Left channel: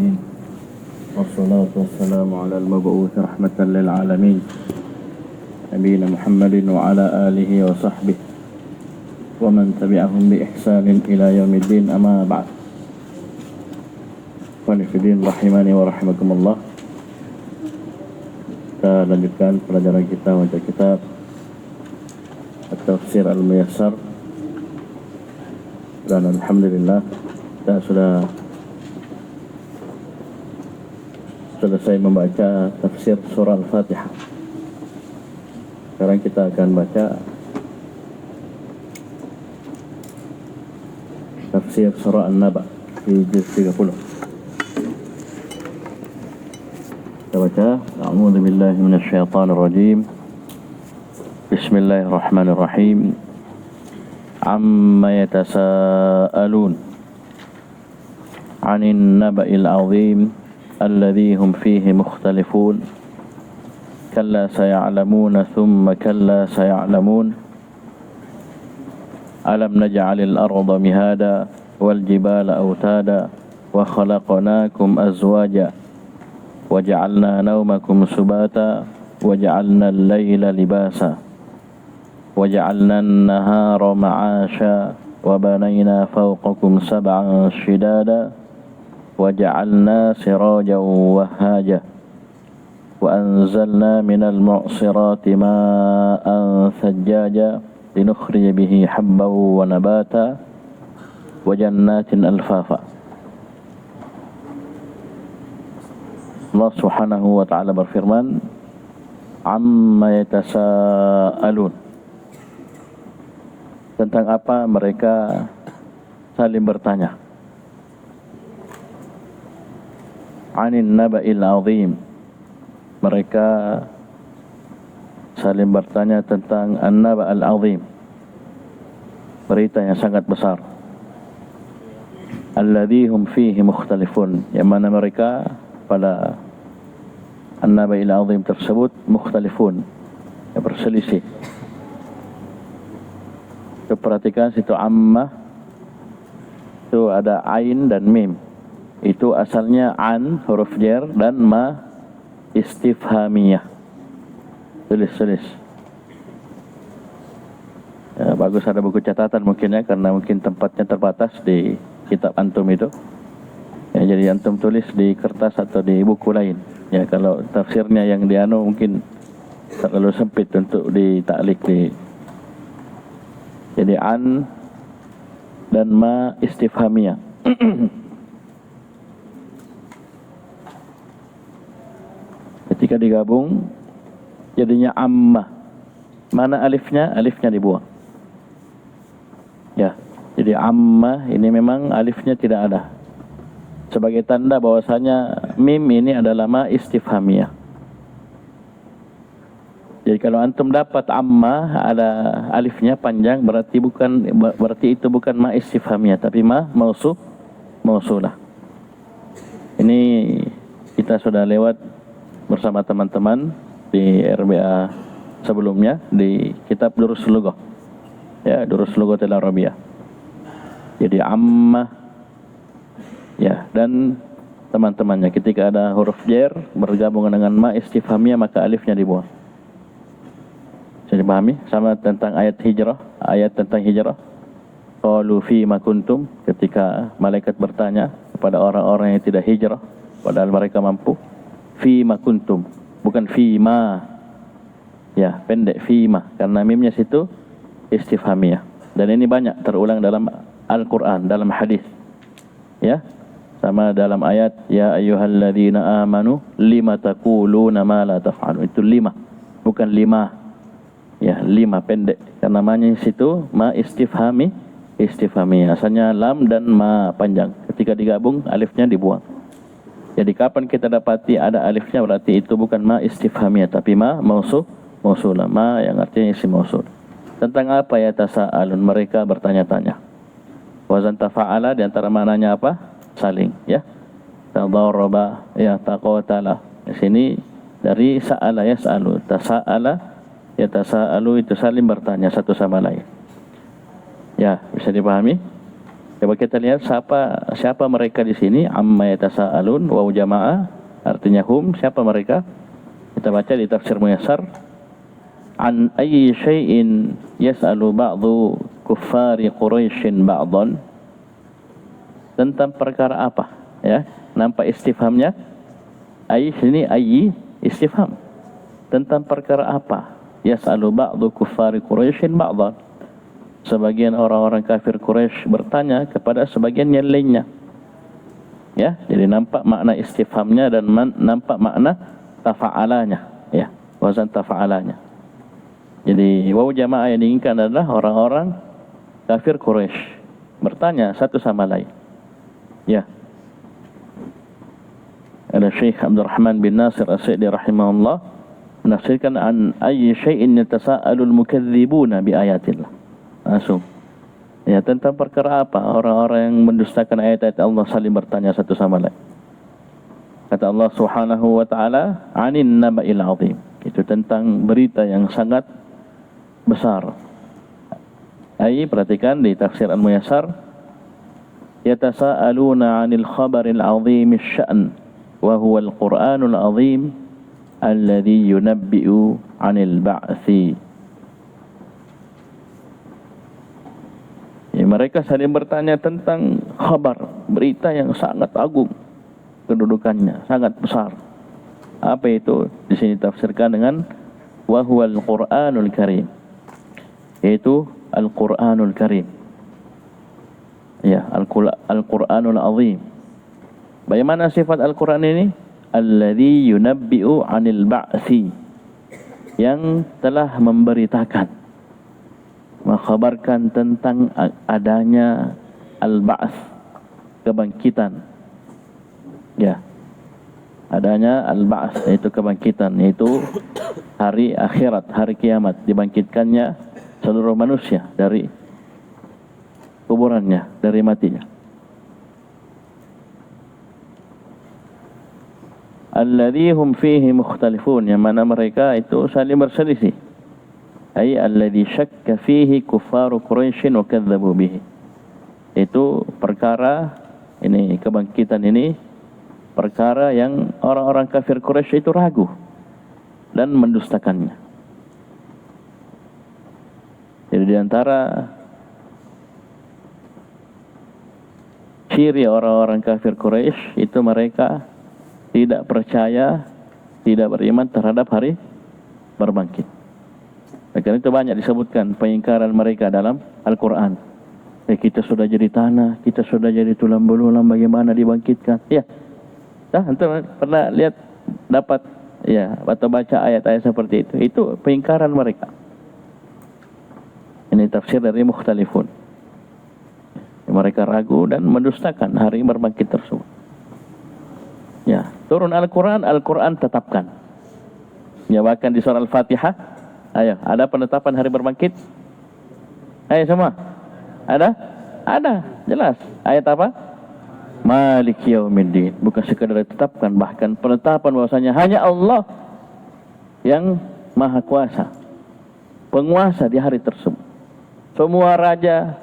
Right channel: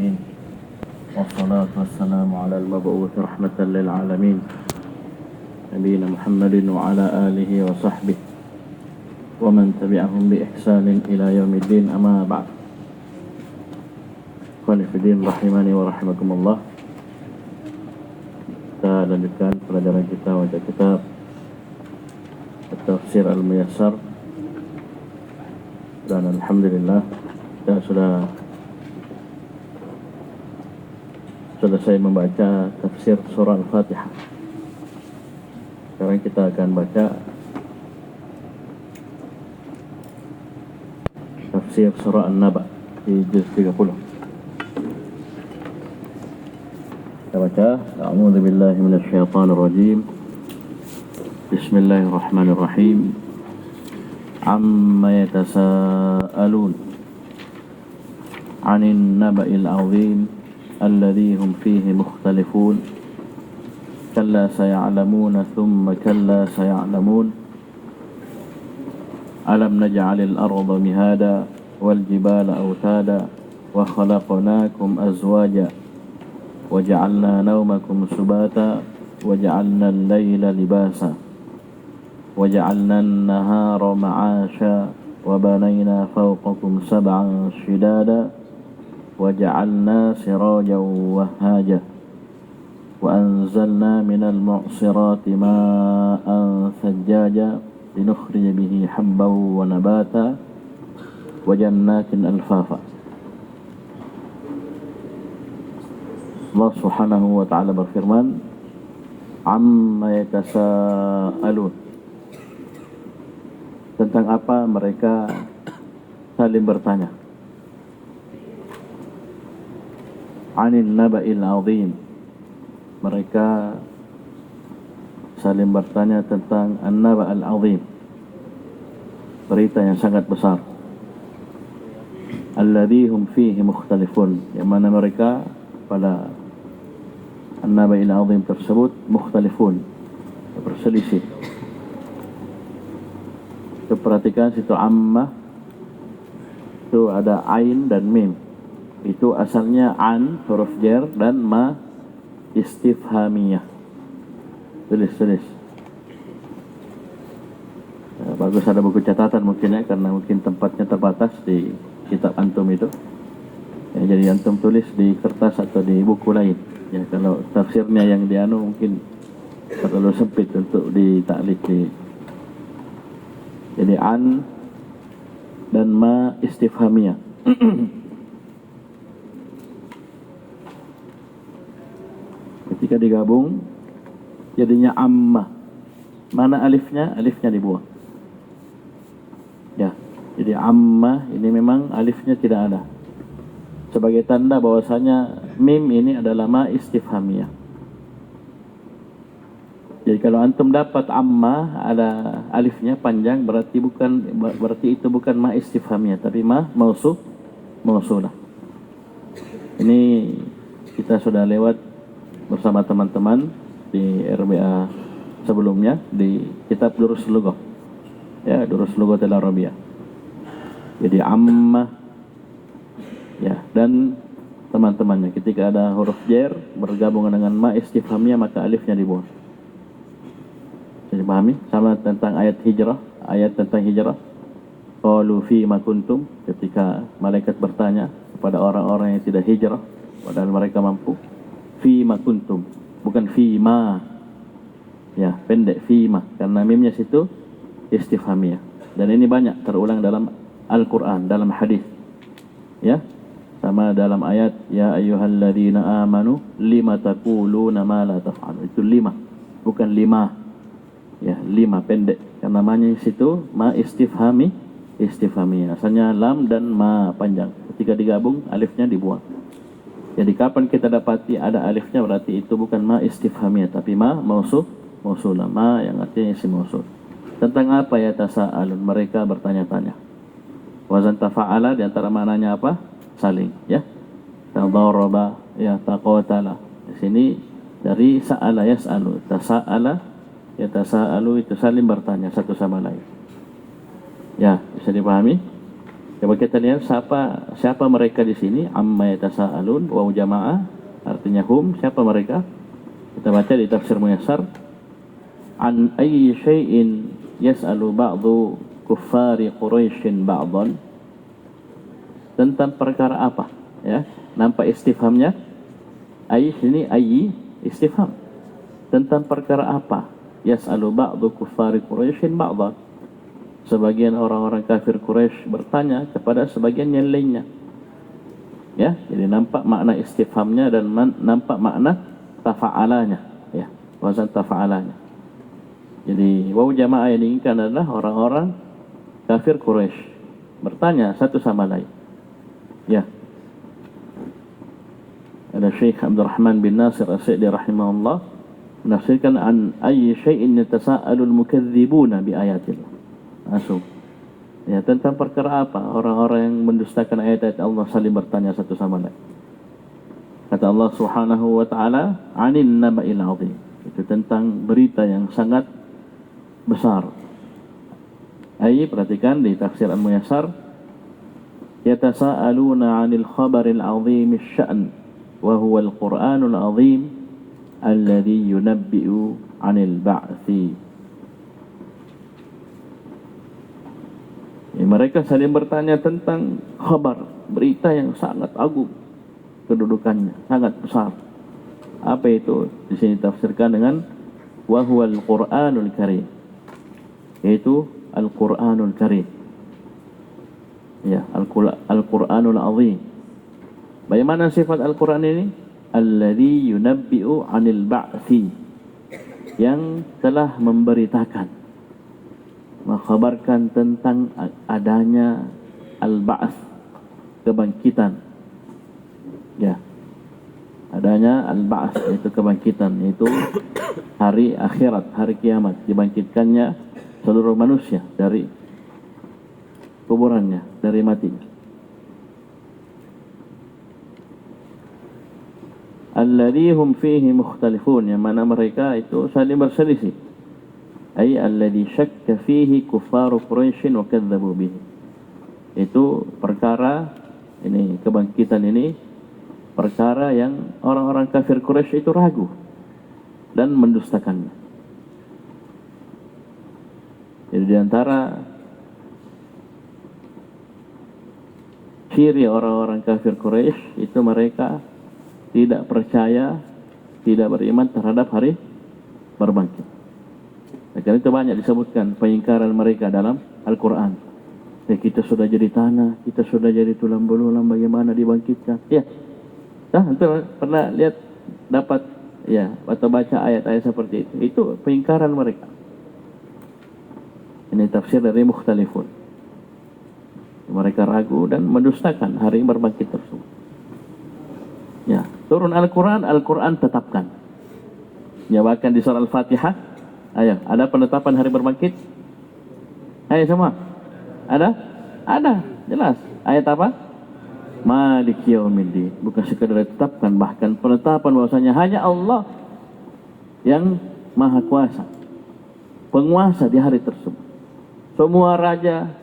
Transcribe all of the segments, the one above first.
العالمين والصلاة والسلام على المبعوث رحمة للعالمين نبينا محمد وعلى آله وصحبه ومن تبعهم بإحسان إلى يوم الدين أما بعد. Qanifidin rahimani wa rahimakumullah. Kita lanjutkan pelajaran kita baca kitab At-Tafsir Al-Muyassar, dan alhamdulillah kita sudah selesai membaca tafsir surah Al-Fatihah. Sekarang kita akan baca tafsir surah An-Naba di juz 30. Baca, a'udzu billahi minasyaitonir rajim. Bismillahirrahmanirrahim. Amma yatasaalun 'anil naba'il 'azim alladhi hum fihi mukhtalifun. Kalla saya'lamuna thumma kalla saya'lamun. Alam naj'alil arda mihada wal jibala awtada wa khalaqnakum azwaja وجعلنا نومكم سباتا وجعلنا الليل لباسا وجعلنا النهار معاشا وبنينا فوقكم سبعا شدادا وجعلنا سراجا وهاجا وأنزلنا من المعصرات ماء ثجاجا لنخرج به حبا ونباتا وجنات ألفافا. Allah Subhanahu wa ta'ala berfirman, amma yatasaalun, tentang apa mereka saling bertanya. Anin naba'il azim, mereka saling bertanya tentang an-naba' al-azim, berita yang sangat besar. Alladhi hum fihi mukhtalifun, yang mana mereka pada an-naba'il azim tersebut mukhtalifun, yang berselisih. Itu perhatikan situ amma, itu ada ain dan mim. Itu asalnya an huruf jar dan ma istifhamiyah. Tulis. Ya, bagus ada buku catatan mungkin ya, karena mungkin tempatnya terbatas di kitab antum itu. Ya, jadi antum tulis di kertas atau di buku lain. Ya, kalau tafsirnya yang dianu mungkin terlalu sempit untuk ditaklik di. Jadi an dan ma istifhamiyah. Ketika digabung jadinya amma. Mana alifnya? Alifnya dibuang. Ya, jadi amma ini memang alifnya tidak ada, sebagai tanda bahwasanya mim ini adalah ma istifhamiyah. Jadi kalau antum dapat amma ada alifnya panjang, berarti itu bukan ma istifhamiyah, tapi ma mausulah. Ini kita sudah lewat bersama teman-teman di RBA sebelumnya di kitab Durus Lughah. Ya, Durus Lughatil Arabiyah. Jadi amma, ya, dan teman-temannya ketika ada huruf jar bergabung dengan ma istifhamiyah maka alifnya dibuang. Bisa dipahami? Sama tentang ayat tentang hijrah. Qalu fi ma kuntum, ketika malaikat bertanya kepada orang-orang yang tidak hijrah padahal mereka mampu. Fi ma kuntum, bukan fi ma. Ya, pendek fi ma, karena mimnya situ istifhamiyah. Dan ini banyak terulang dalam Al-Qur'an, dalam hadis. Ya. Sama dalam ayat ya ayyuhalladzina amanu lima taquluna ma la taf'alun. Itu lima, bukan lima. Ya, lima pendek. Karena namanya situ ma istifhami. Asalnya lam dan ma panjang. Ketika digabung alifnya dibuang. Jadi kapan kita dapati ada alifnya berarti itu bukan ma istifhamiyah tapi ma mausulah. Ma yang artinya isim mausul. Tentang apa ya tasaalun, mereka bertanya-tanya. Wazan tafa'ala di antara maknanya apa? Saling, ya. Tadarraba, ya, taqatala. Di sini dari sa'ala yas'alu, tasa'ala ya tasa'alu, itu saling bertanya satu sama lain. Ya, bisa dipahami? Coba kita lihat siapa mereka di sini. Amma yatasaalun, waw jamaah, artinya hum, siapa mereka? Kita baca di tafsir Muyassar. An ayyi syai'in yas'alu ba'du kuffari Quraisyin ba'dan. Tentang perkara apa? Ya, nampak istifhamnya? Ayyi sini ayyi istifham. Tentang perkara apa? Yas'alu ba'du kuffari Quraisyin ba'dan. Sebagian orang-orang kafir Quraisy bertanya kepada sebagian yang lainnya. Ya, jadi nampak makna istifhamnya dan nampak makna tafa'alanya, ya, wazan tafa'alanya. Jadi waw jamaah yang diinginkan adalah orang-orang kafir Quraisy bertanya satu sama lain. Ya. Ada Syekh Abdul Rahman bin Nasir As-Sa'di rahimahullah menafsirkan an ayyi syai'in yatasa'alul mukadzibuna bi ayatillah. Langsung. Ya, tentang perkara apa orang-orang yang mendustakan ayat-ayat Allah saling bertanya satu sama lain. Kata Allah Subhanahu wa taala, "Anin naba'il 'azim." Itu tentang berita yang sangat besar. Perhatikan di tafsir Al-Muyassar, yatasaaluna 'anil khabaril 'azim asy-sya'n wa huwa al-Qur'anul 'azim alladhi yunabbi'u 'anil ba'tsi. Mereka saling bertanya tentang khabar, berita yang sangat agung kedudukannya, sangat besar. Apa itu? Di sini tafsirkan dengan wa huwal Qur'anul Karim. Yaitu Al-Qur'anul Karim. Ya, Al-Qur'anul Azim. Bagaimana sifat Al-Qur'an ini? Alladhi yunabbi'u 'anil ba'tsi. Yang telah memberitakan, mengkhabarkan tentang adanya al-ba'ts, kebangkitan. Ya, adanya al-ba'ts, yaitu kebangkitan, yaitu hari akhirat, hari kiamat, dibangkitkannya seluruh manusia dari kuburannya, dari matinya. Alladzi hum fihi mukhtalifun, yang mana mereka itu saling berselisih. Ay alladzi syakka fihi kuffaru Quraisy wa kadzdzabu bihi. Itu perkara ini, kebangkitan ini perkara yang orang-orang kafir Quraisy itu ragu dan mendustakannya. Jadi di antara ciri orang-orang kafir Quraisy itu mereka tidak percaya, tidak beriman terhadap hari berbangkit. Karena itu banyak disebutkan pengingkaran mereka dalam Al-Quran. Kita sudah jadi tanah, kita sudah jadi tulang belulang, bagaimana dibangkitkan? Ya, antum pernah lihat, dapat, ya, atau baca ayat-ayat seperti itu. Itu pengingkaran mereka. Ini tafsir dari Mukhtalifun. Mereka ragu dan mendustakan hari berbangkit tersebut. Ya, turun Al-Quran, Al-Quran tetapkan. Ya, bahkan di surah Al-Fatihah, ayo, ada penetapan hari berbangkit? Ayo semua. Ada? Ada, jelas. Ayat apa? Maliki yaumiddin. Bukan sekadar ditetapkan, bahkan penetapan bahwasanya hanya Allah yang maha kuasa, penguasa di hari tersebut. Semua raja,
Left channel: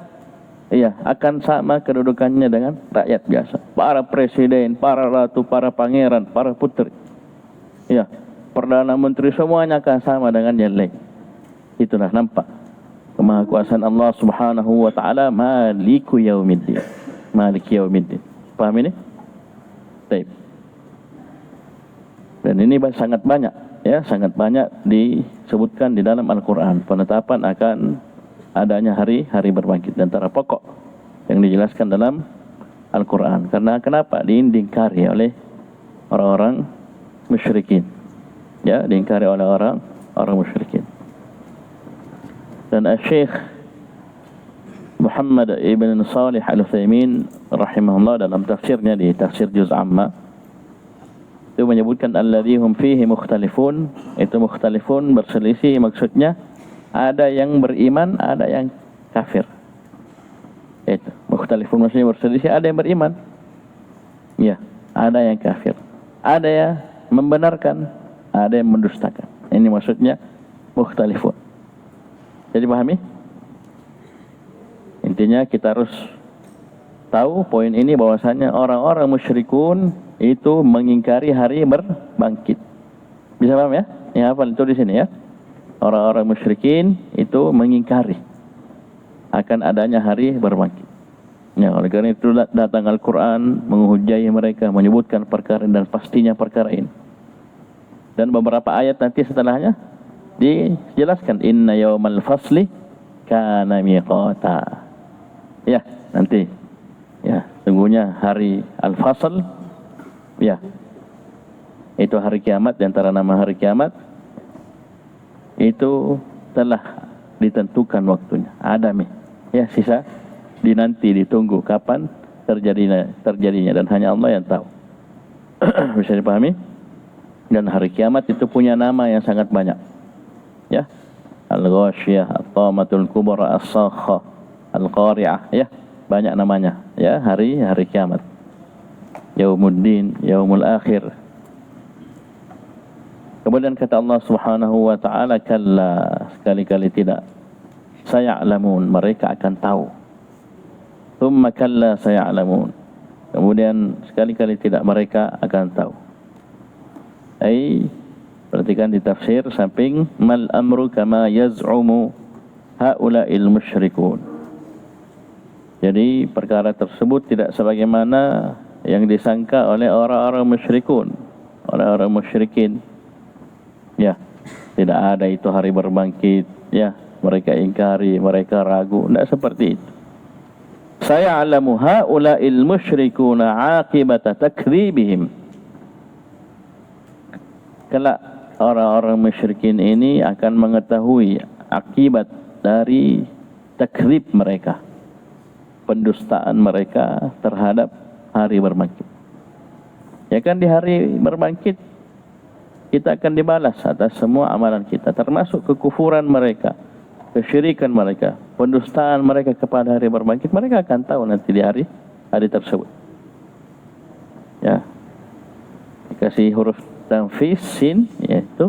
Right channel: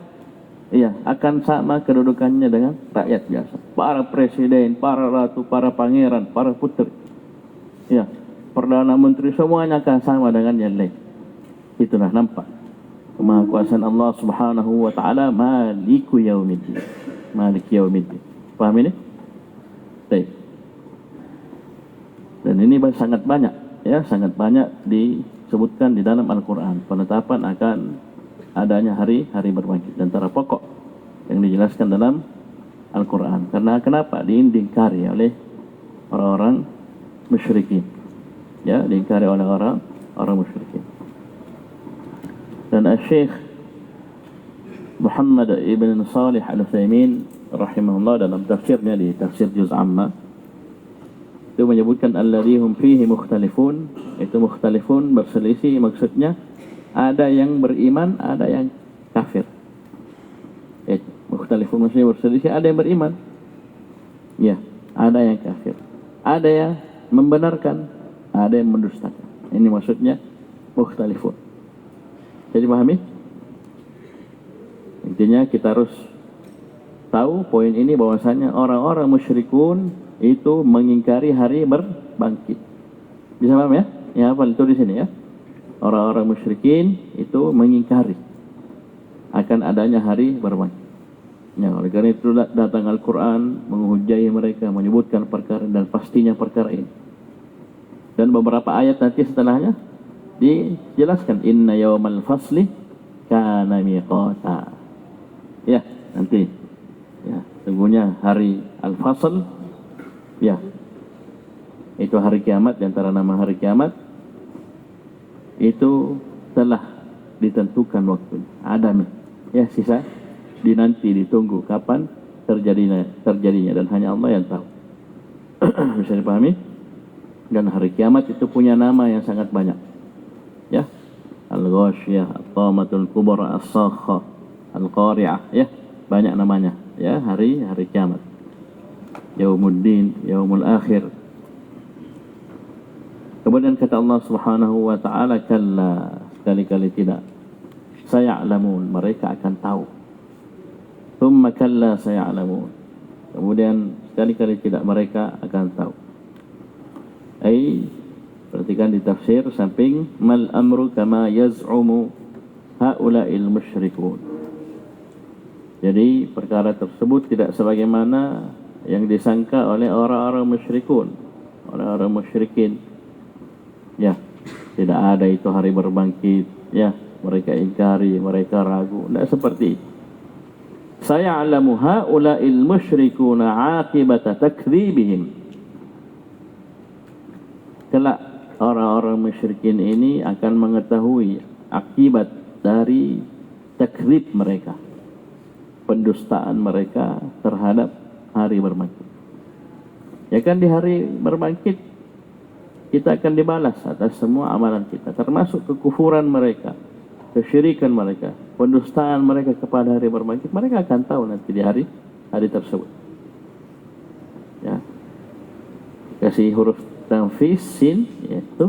iya, akan sama kedudukannya dengan rakyat biasa. Para presiden, para ratu, para pangeran, para putri, iya, Perdana Menteri, semuanya akan sama dengan yang lain. Itulah nampak kemahakuasaan Allah Subhanahu wa taala, Maliku yaumiddin. Maliki yaumiddin. Paham ini? Baik. Dan ini sangat banyak, ya, sangat banyak disebutkan di dalam Al-Qur'an penetapan akan adanya hari berbangkit, dan antara pokok yang dijelaskan dalam Al-Qur'an. Karena kenapa? Diingkari oleh orang-orang musyrikin. Ya, diingkari oleh orang musyrikin. Dan Syekh Muhammad ibn Salih Al-Utsaimin rahimahullah dalam tafsirnya di tafsir Juz' Amma itu menyebutkan alladzi hum fihi mukhtalifun. Itu mukhtalifun, berselisih, maksudnya ada yang beriman, ada yang kafir. Itu mukhtalifun maksudnya berselisih, ada yang beriman, ya, ada yang kafir, ada yang membenarkan, ada yang mendustakan. Ini maksudnya mukhtalifun. Jadi pahami? Intinya kita harus tahu poin ini bahwasanya orang-orang musyrikun itu mengingkari hari berbangkit. Bisa paham ya? Ya hafal itu di sini ya. Orang-orang musyrikin itu mengingkari akan adanya hari berbangkit. Ya, oleh karena itu datang Al-Quran menghujai mereka, menyebutkan perkara dan pastinya perkara ini. Dan beberapa ayat nanti setelahnya dijelaskan inna yawmal fasli kana miqata. Ya, nanti. Ya, sungguhnya hari Al-Fasl, ya, itu hari kiamat, di antara nama hari kiamat itu telah ditentukan waktunya. Ada ya, sisa dinanti, ditunggu kapan terjadinya dan hanya Allah yang tahu. Bisa dipahami? Dan hari kiamat itu punya nama yang sangat banyak. Ya, Al-Ghashiyah, At-Tamatul Kubra, As-Sakha, Al-Qari'ah, ya, banyak namanya. Ya, hari kiamat. Yaumuddin, Yaumul Akhir. Kemudian kata Allah Subhanahu wa taala, kalla, sekali-kali tidak. Saya'lamun, mereka akan tahu. Tsumma kalla saya'lamun. Kemudian sekali-kali tidak, mereka akan tahu. Perhatikan di tafsir samping mal amru kama yaz'umu haula'il musyrikun. Jadi perkara tersebut tidak sebagaimana yang disangka oleh orang-orang musyrikun, orang-orang musyrikin. Ya, tidak ada itu hari berbangkit. Ya, mereka ingkari, mereka ragu. Tidak seperti itu. Saya'lamu haula'il musyrikuna 'aqibata takdzibihim. Kelak orang-orang musyrikin ini akan mengetahui akibat dari takdzib mereka, pendustaan mereka terhadap hari berbangkit. Ya kan, di hari berbangkit kita akan dibalas atas semua amalan kita, termasuk kekufuran mereka, kesyirikan mereka, pendustaan mereka kepada hari berbangkit. Mereka akan tahu nanti di hari tersebut. Ya, kasih huruf tanfis sin, yaitu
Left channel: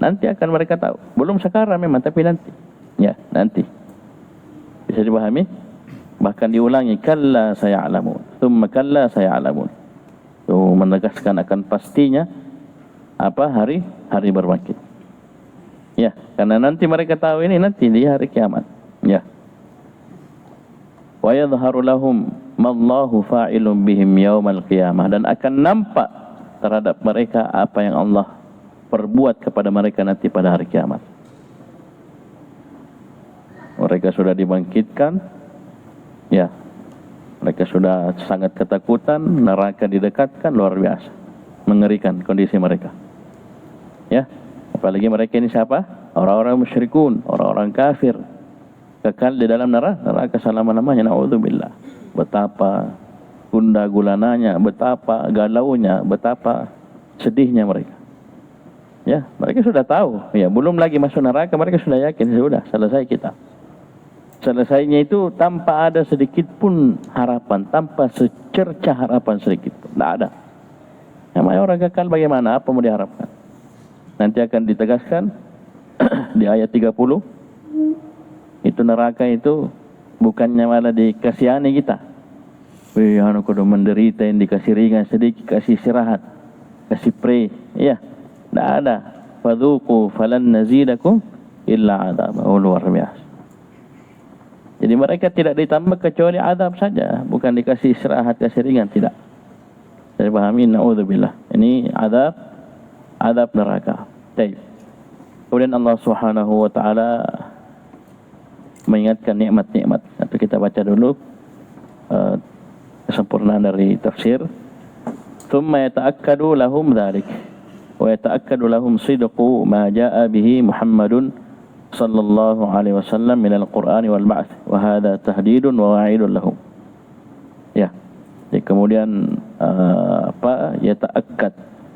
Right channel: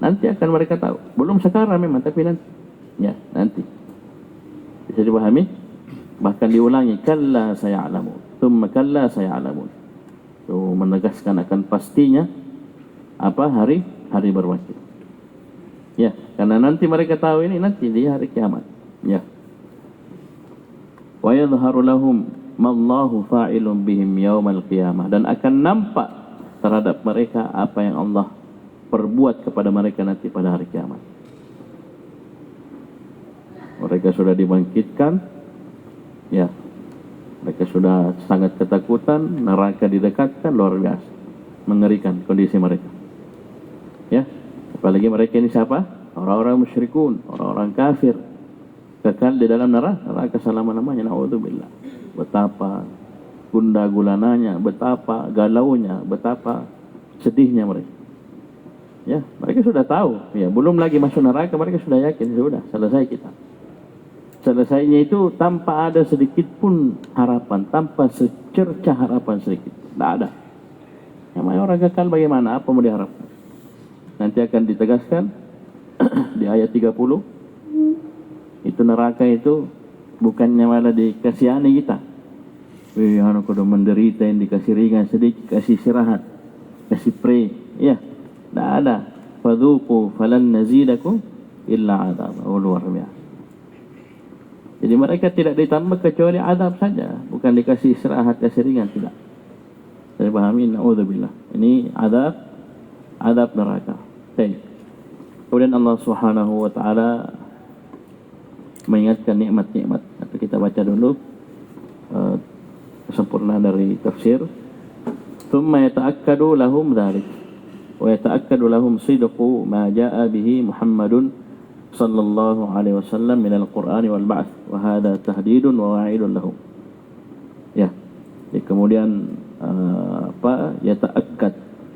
nanti akan mereka tahu. Belum sekarang memang, tapi nanti. Ya, nanti. Bisa dipahami? Bahkan diulangi, kalla saya'lamun, tsumma kalla saya'lamun. Itu menegaskan akan pastinya apa hari berbangkit. Ya, karena nanti mereka tahu ini nanti di hari kiamat. Ya. Wa yadhharu lahum mallahu fa'ilun bihim yaumal qiyamah, dan akan nampak terhadap mereka apa yang Allah perbuat kepada mereka nanti pada hari kiamat. Mereka sudah dibangkitkan, ya, mereka sudah sangat ketakutan, neraka didekatkan, luar biasa, mengerikan kondisi mereka. Ya, apalagi mereka ini siapa? Orang-orang musyrikun, orang-orang kafir, kekal di dalam neraka selama-lamanya. Na'udzubillah. Betapa gundah gulananya, betapa galaunya, betapa sedihnya mereka. Ya, mereka sudah tahu. Ya, belum lagi masuk neraka, mereka sudah yakin sudah selesai kita. Selesainya itu tanpa ada sedikit pun harapan, tanpa secercah harapan sedikit pun. Tidak ada. Namanya orang kekal, bagaimana? Apa mau diharapkan? Nanti akan ditegaskan di ayat 30. Itu neraka itu bukannya malah dikasihani kita. Wih, anak kudu menderita, yang dikasih ringan sedikit, kasih istirahat, kasih pray. Ya, tidak ada. Fadhuqu falan nazidakum illa adab. Oh, luar biasa. Jadi mereka tidak ditambah kecuali adab saja, bukan dikasih istirahat, kasih ringan, tidak. Jadi pahami, na'udzubillah. Ini adab neraka. Baik. Kemudian Allah Subhanahu wa taala mengingatkan nikmat-nikmat. Atau kita baca dulu kesempurnaan dari tafsir. Tsumma yata'akkadu lahum dzalik wa yata'akkadu lahum sidqu ma jaa'a bihi Muhammadun sallallahu alaihi wasallam min al-Qur'an wal ba'ts, wa hadha tahdidun wa wa'idun lahum. Ya. Jadi kemudian yata'akkad,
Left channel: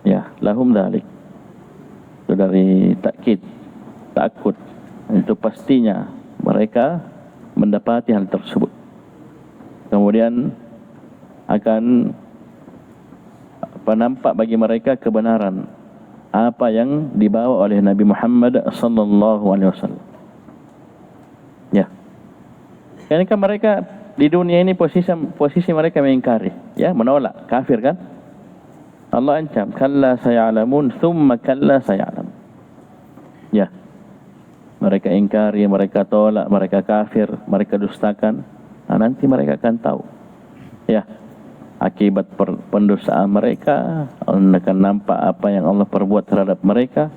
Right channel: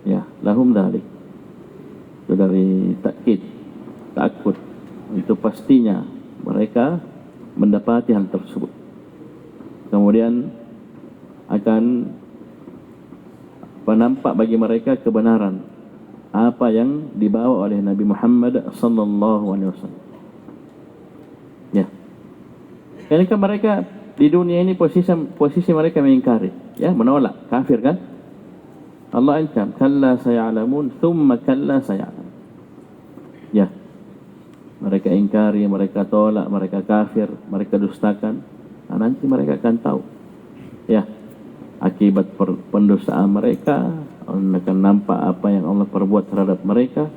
ya, lahum dzalik. Itu dari takkid, takut. Itu pastinya mereka mendapati hal tersebut. Kemudian akan nampak bagi mereka kebenaran apa yang dibawa oleh Nabi Muhammad sallallahu alaihi wasallam. Ya. Ini kan mereka di dunia ini posisi mereka mengingkari, ya, menolak, kafir kan? Allah ancam, kalla sayalamun, thumma kalla sayalam. Ya, mereka ingkari, mereka tolak, mereka kafir, mereka dustakan. Nanti mereka akan tahu, ya, akibat pendosaan mereka. Akan nampak apa yang Allah perbuat terhadap mereka,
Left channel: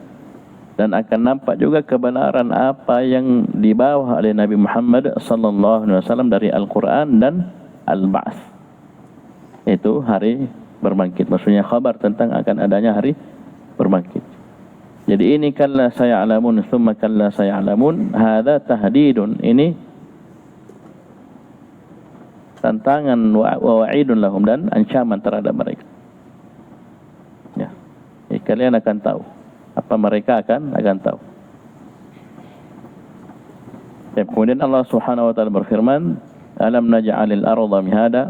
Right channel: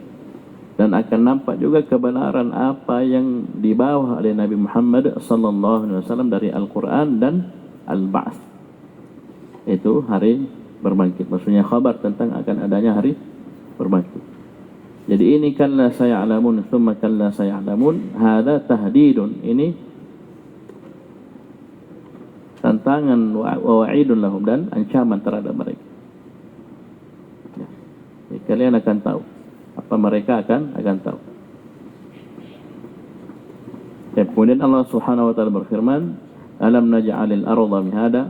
dan akan nampak juga kebenaran apa yang dibawa oleh Nabi Muhammad sallallahu alaihi wasallam dari Al-Quran dan Al-Ba'ts. Itu hari berbangkit, maksudnya khabar tentang akan adanya hari berbangkit. Jadi ini kalla sayalamun thumma kalla sayalamun, hadza tahdidun, ini tantangan wa wa'idun lahum, dan ancaman terhadap mereka. Ya, kalian akan tahu apa mereka akan tahu. Ya, kemudian Allah Subhanahu wa taala berfirman, alam naj'alil arda mihada.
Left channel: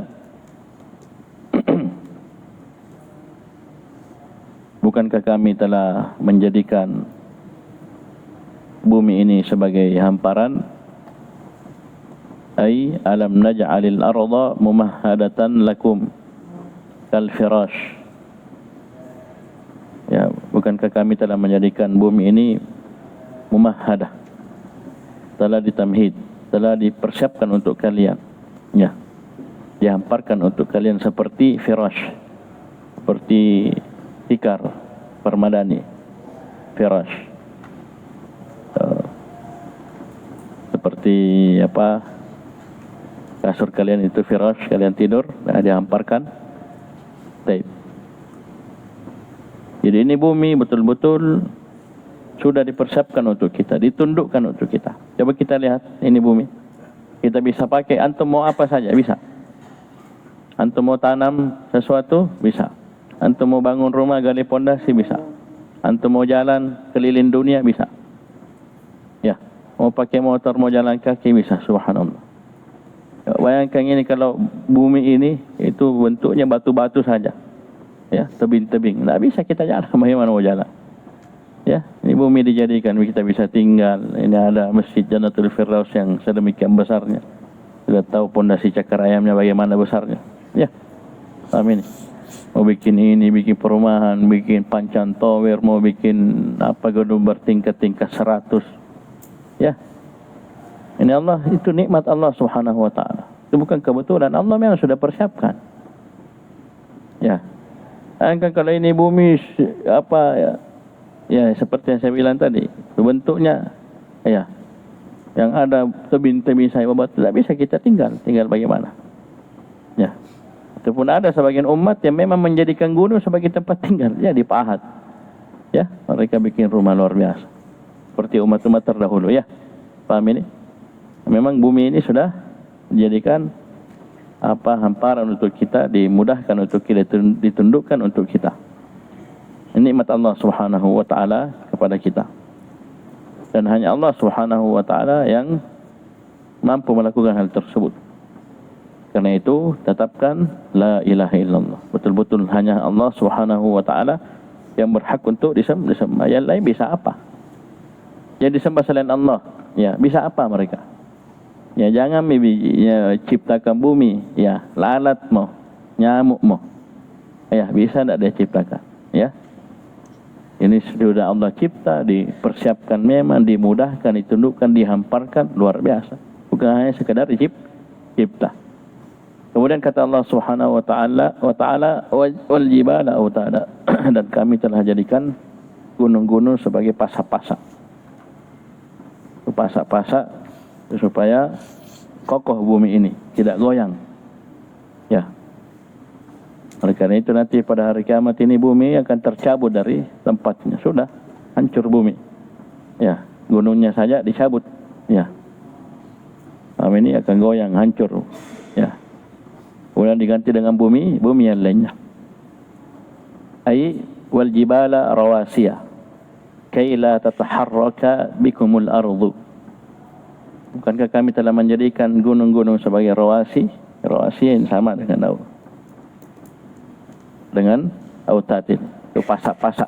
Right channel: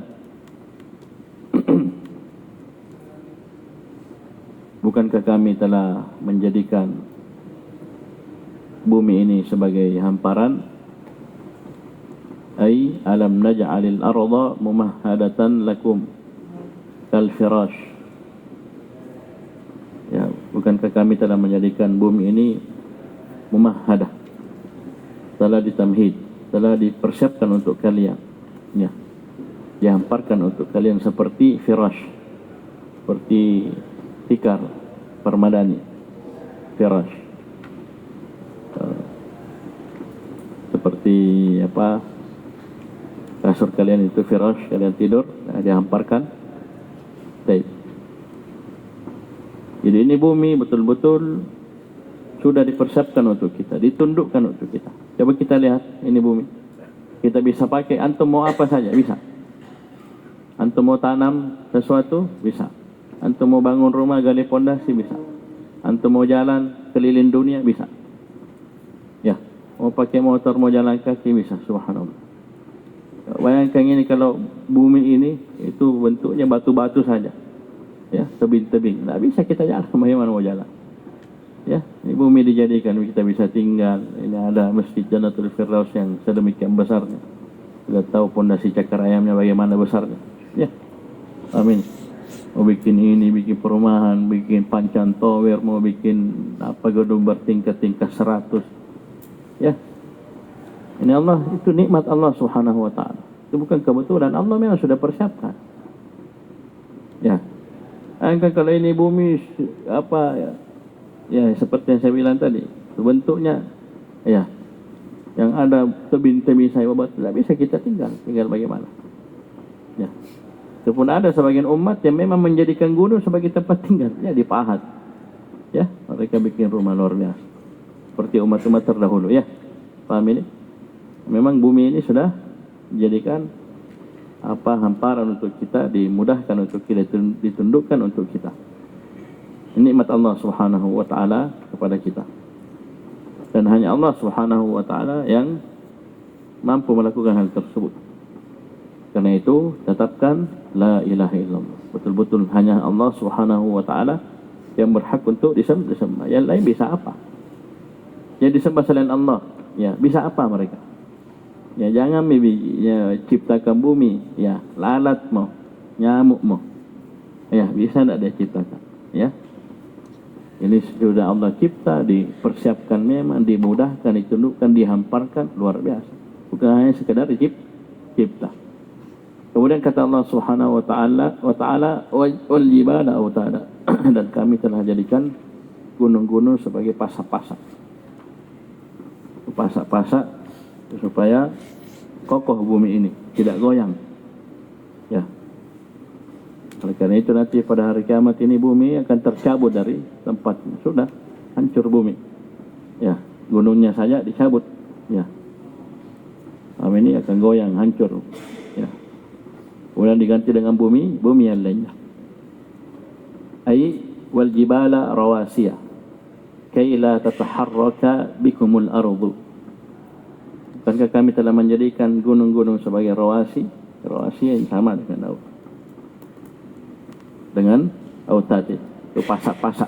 Bukankah kami telah menjadikan bumi ini sebagai hamparan? Ay alam naj'alil arda mumahhadatan lakum kal firash. Ya, bukankah kami telah menjadikan bumi ini mumahhadah, telah ditamhid, telah dipersiapkan untuk kalian, ya, dihamparkan untuk kalian seperti firash, seperti tikar permadani, firash, seperti apa, kasur kalian itu firash, kalian tidur, dihamparkan. Baik. Jadi ini bumi betul-betul sudah dipersiapkan untuk kita, ditundukkan untuk kita. Coba kita lihat, ini bumi. Kita bisa pakai, antum mau apa saja, bisa. Antum mau tanam sesuatu, bisa. Antum mau bangun rumah, gali pondasi, bisa. Antum mau jalan keliling dunia, bisa. Ya, mau pakai motor, mau jalan kaki, bisa. Subhanallah. Ya, bayangkan ini, kalau bumi ini, itu bentuknya batu-batu saja. Ya, tebing-tebing, tidak bisa kita jalan. Bagaimana mau jalan? Ya, ini bumi dijadikan kita bisa tinggal. Ini ada masjid Jannatul Firdaus yang sedemikian besarnya. Sudah tahu pondasi cakar ayamnya bagaimana besarnya. Ya, amin. Mau bikin ini, bikin perumahan, bikin pancan tower, mau bikin apa, gedung bertingkat-tingkat 100. Ya, ini Allah, itu nikmat Allah Subhanahu wa taala. Itu bukan kebetulan, Allah memang sudah persiapkan. Ya. Kalau ini bumi apa ya, ya seperti yang saya bilang tadi, bentuknya ya yang ada tebing-tebing saya babat, tidak bisa kita tinggal bagaimana? Ya, itu pun ada sebagian umat yang memang menjadikan gunung sebagai tempat tinggal, ya, di Pahat. Ya, mereka bikin rumah luar biasa, seperti umat-umat terdahulu, ya. Paham ini? Memang bumi ini sudah dijadikan apa, hamparan untuk kita, dimudahkan untuk kita, ditundukkan untuk kita. Nikmat Allah Subhanahu wa taala kepada kita. Dan hanya Allah Subhanahu wa taala yang mampu melakukan hal tersebut. Karena itu tetapkan la ilaha illallah. Betul-betul hanya Allah Subhanahu wa taala yang berhak untuk disembah. Yang lain bisa apa? Jadi disembah selain Allah, ya, bisa apa mereka? Ya, jangan ya, ciptakan bumi, ya, lalat mau, nyamuk mau, ya, bisa tidak dia ciptakan, ya. Ini sudah Allah cipta, dipersiapkan, memang dimudahkan, ditundukkan, dihamparkan, luar biasa. Bukan hanya sekedar dicipta. Kemudian kata Allah Subhanahu wa taala wal jibala autada, dan kami telah jadikan gunung-gunung sebagai pasak-pasak. Pasak-pasak supaya kokoh bumi ini, tidak goyang. Ya. Oleh karena itu nanti pada hari kiamat ini bumi akan tercabut dari tempatnya. Sudah hancur bumi. Ya, gunungnya saja dicabut. Ya. Ini akan goyang, hancur. Ya. Kemudian diganti dengan bumi yang lainnya. Ai wal jibala rawasiya kay la tataharraka bikumul ardu. Bukankah kami telah menjadikan gunung-gunung sebagai rawasi? Rawasi yang sama dengan autatin, itu pasak-pasak,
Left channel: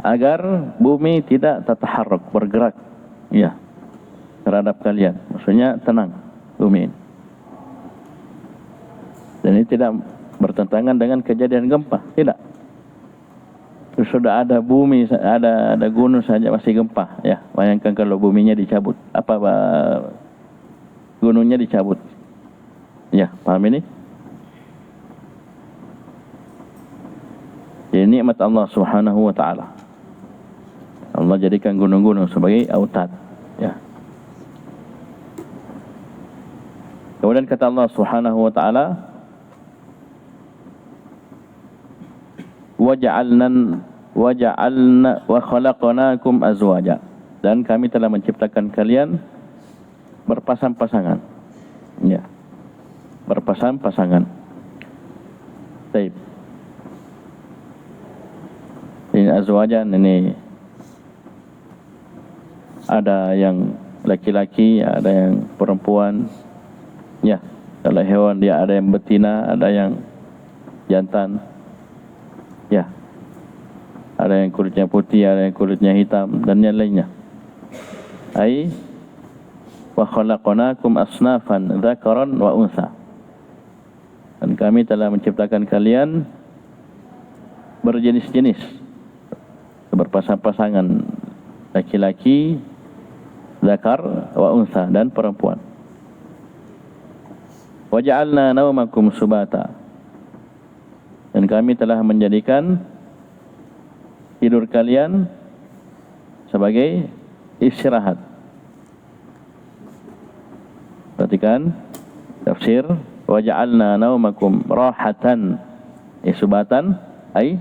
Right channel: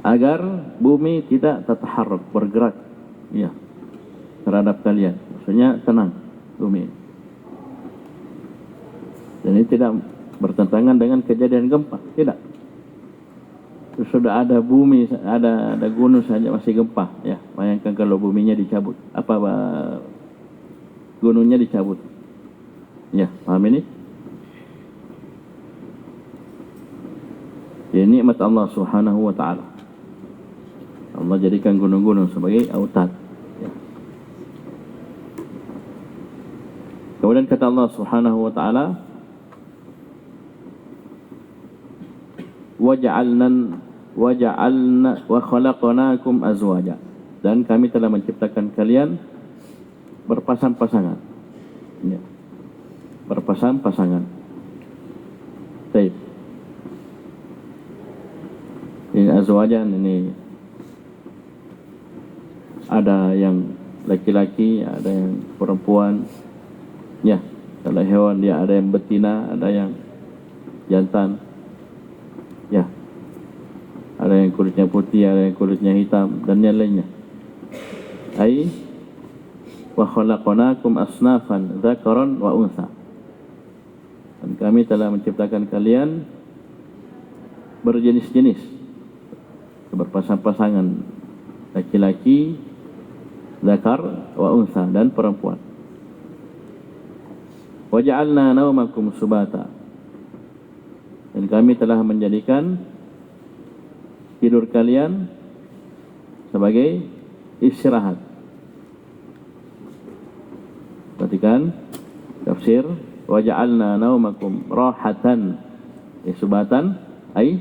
agar bumi tidak tataharrak, bergerak, ya, terhadap kalian. Maksudnya tenang bumi ini. Dan ini tidak bertentangan dengan kejadian gempa, tidak. Terus sudah ada bumi, ada gunung saja masih gempa, ya. Bayangkan kalau buminya dicabut, gunungnya dicabut. Ya, paham ini? Ini nikmat Allah Subhanahu wa taala. Allah jadikan gunung-gunung sebagai autad, ya. Kemudian kata Allah Subhanahu wa taala, waja'alna wa khalaqnakum azwaja, dan kami telah menciptakan kalian berpasang-pasangan, ya, berpasang-pasangan. Baik. Ini azwajan, ini ada yang laki-laki, ada yang perempuan, ya. Kalau hewan dia ada yang betina, ada yang jantan, ya. Ada yang kulitnya putih, ada yang kulitnya hitam, dan yang lainnya. Ai wa khalaqnakum asnafan dzakaran wa untha, dan kami telah menciptakan kalian berjenis-jenis, berpasang-pasangan, laki-laki, zakar wa untha, dan perempuan. Wa ja'alna naumakum subata, dan kami telah menjadikan tidur kalian sebagai istirahat. Perhatikan tafsir, wa ja'alna naumakum rahatan, subatan ai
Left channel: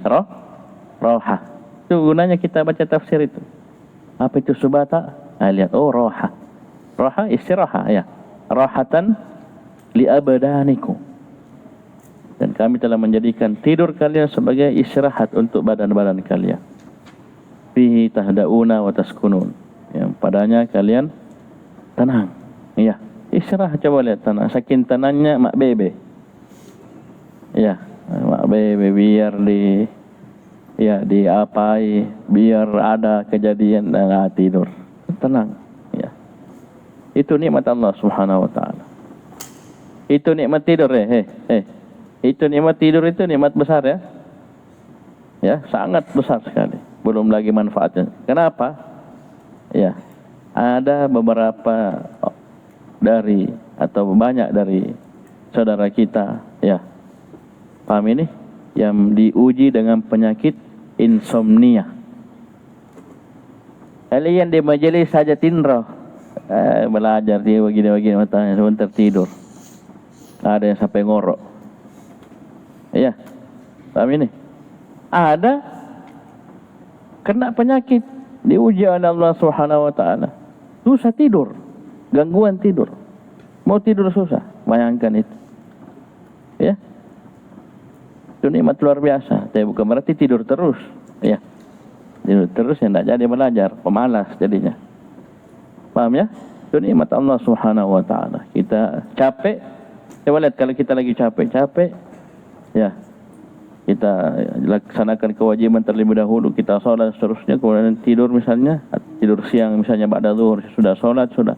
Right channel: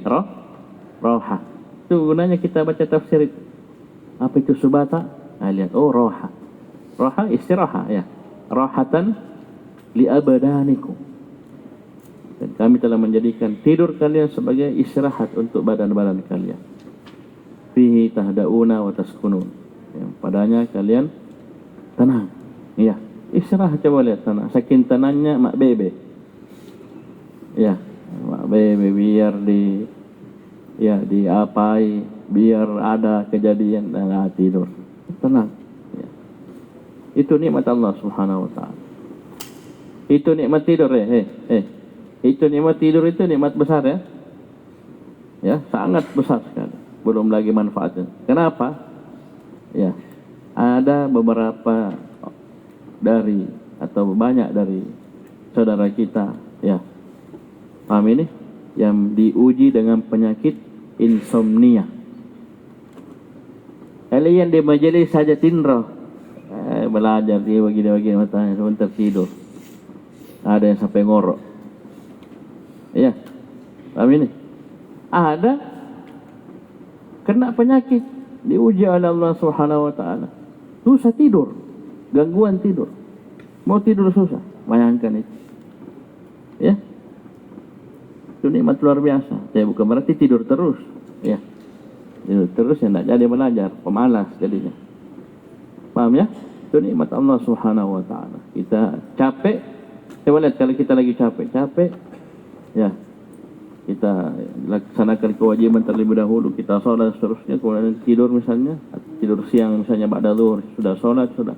roha. Itu gunanya kita baca tafsir itu. Apa itu subata? Lihat, roha. Roha istirahat, ya. Rahatan li abdanikum, dan kami telah menjadikan tidur kalian sebagai istirahat untuk badan-badan kalian. Fihi tahdauna wa taskunun, yang padanya kalian tenang, ya. Istirahat, coba lihat tenang. Saking tenangnya mak bebe, ya, mak bebe biar diapai, biar ada kejadian dan tidur tenang, ya. Itu nikmat Allah Subhanahu wa taala. Itu nikmat tidur, itu nikmat tidur, itu nikmat besar, ya. Ya, sangat besar sekali. Belum lagi manfaatnya. Kenapa? Ya, ada beberapa dari atau banyak dari saudara kita, ya, paham ini, yang diuji dengan penyakit insomnia. Kalian di majelis saja tinrah, belajar dia begini-begini, matanya sebentar tidur. Ada yang sampai ngorok, ya, paham ini. Ada kena penyakit, diuji oleh Allah Subhanahu wa taala, susah tidur, gangguan tidur, mau tidur susah. Bayangkan itu, ya. Itu nikmat luar biasa. Tapi bukan berarti tidur terus, ya. Tidur terus yang tidak jadi belajar, pemalas jadinya. Paham, ya? Itu nikmat Allah Subhanahu wa taala. Kita capek, coba lihat kalau kita lagi capek, ya, kita laksanakan kewajiban terlebih dahulu, kita sholat seterusnya, kemudian tidur misalnya, tidur siang misalnya ba'da zuhur, sudah sholat, sudah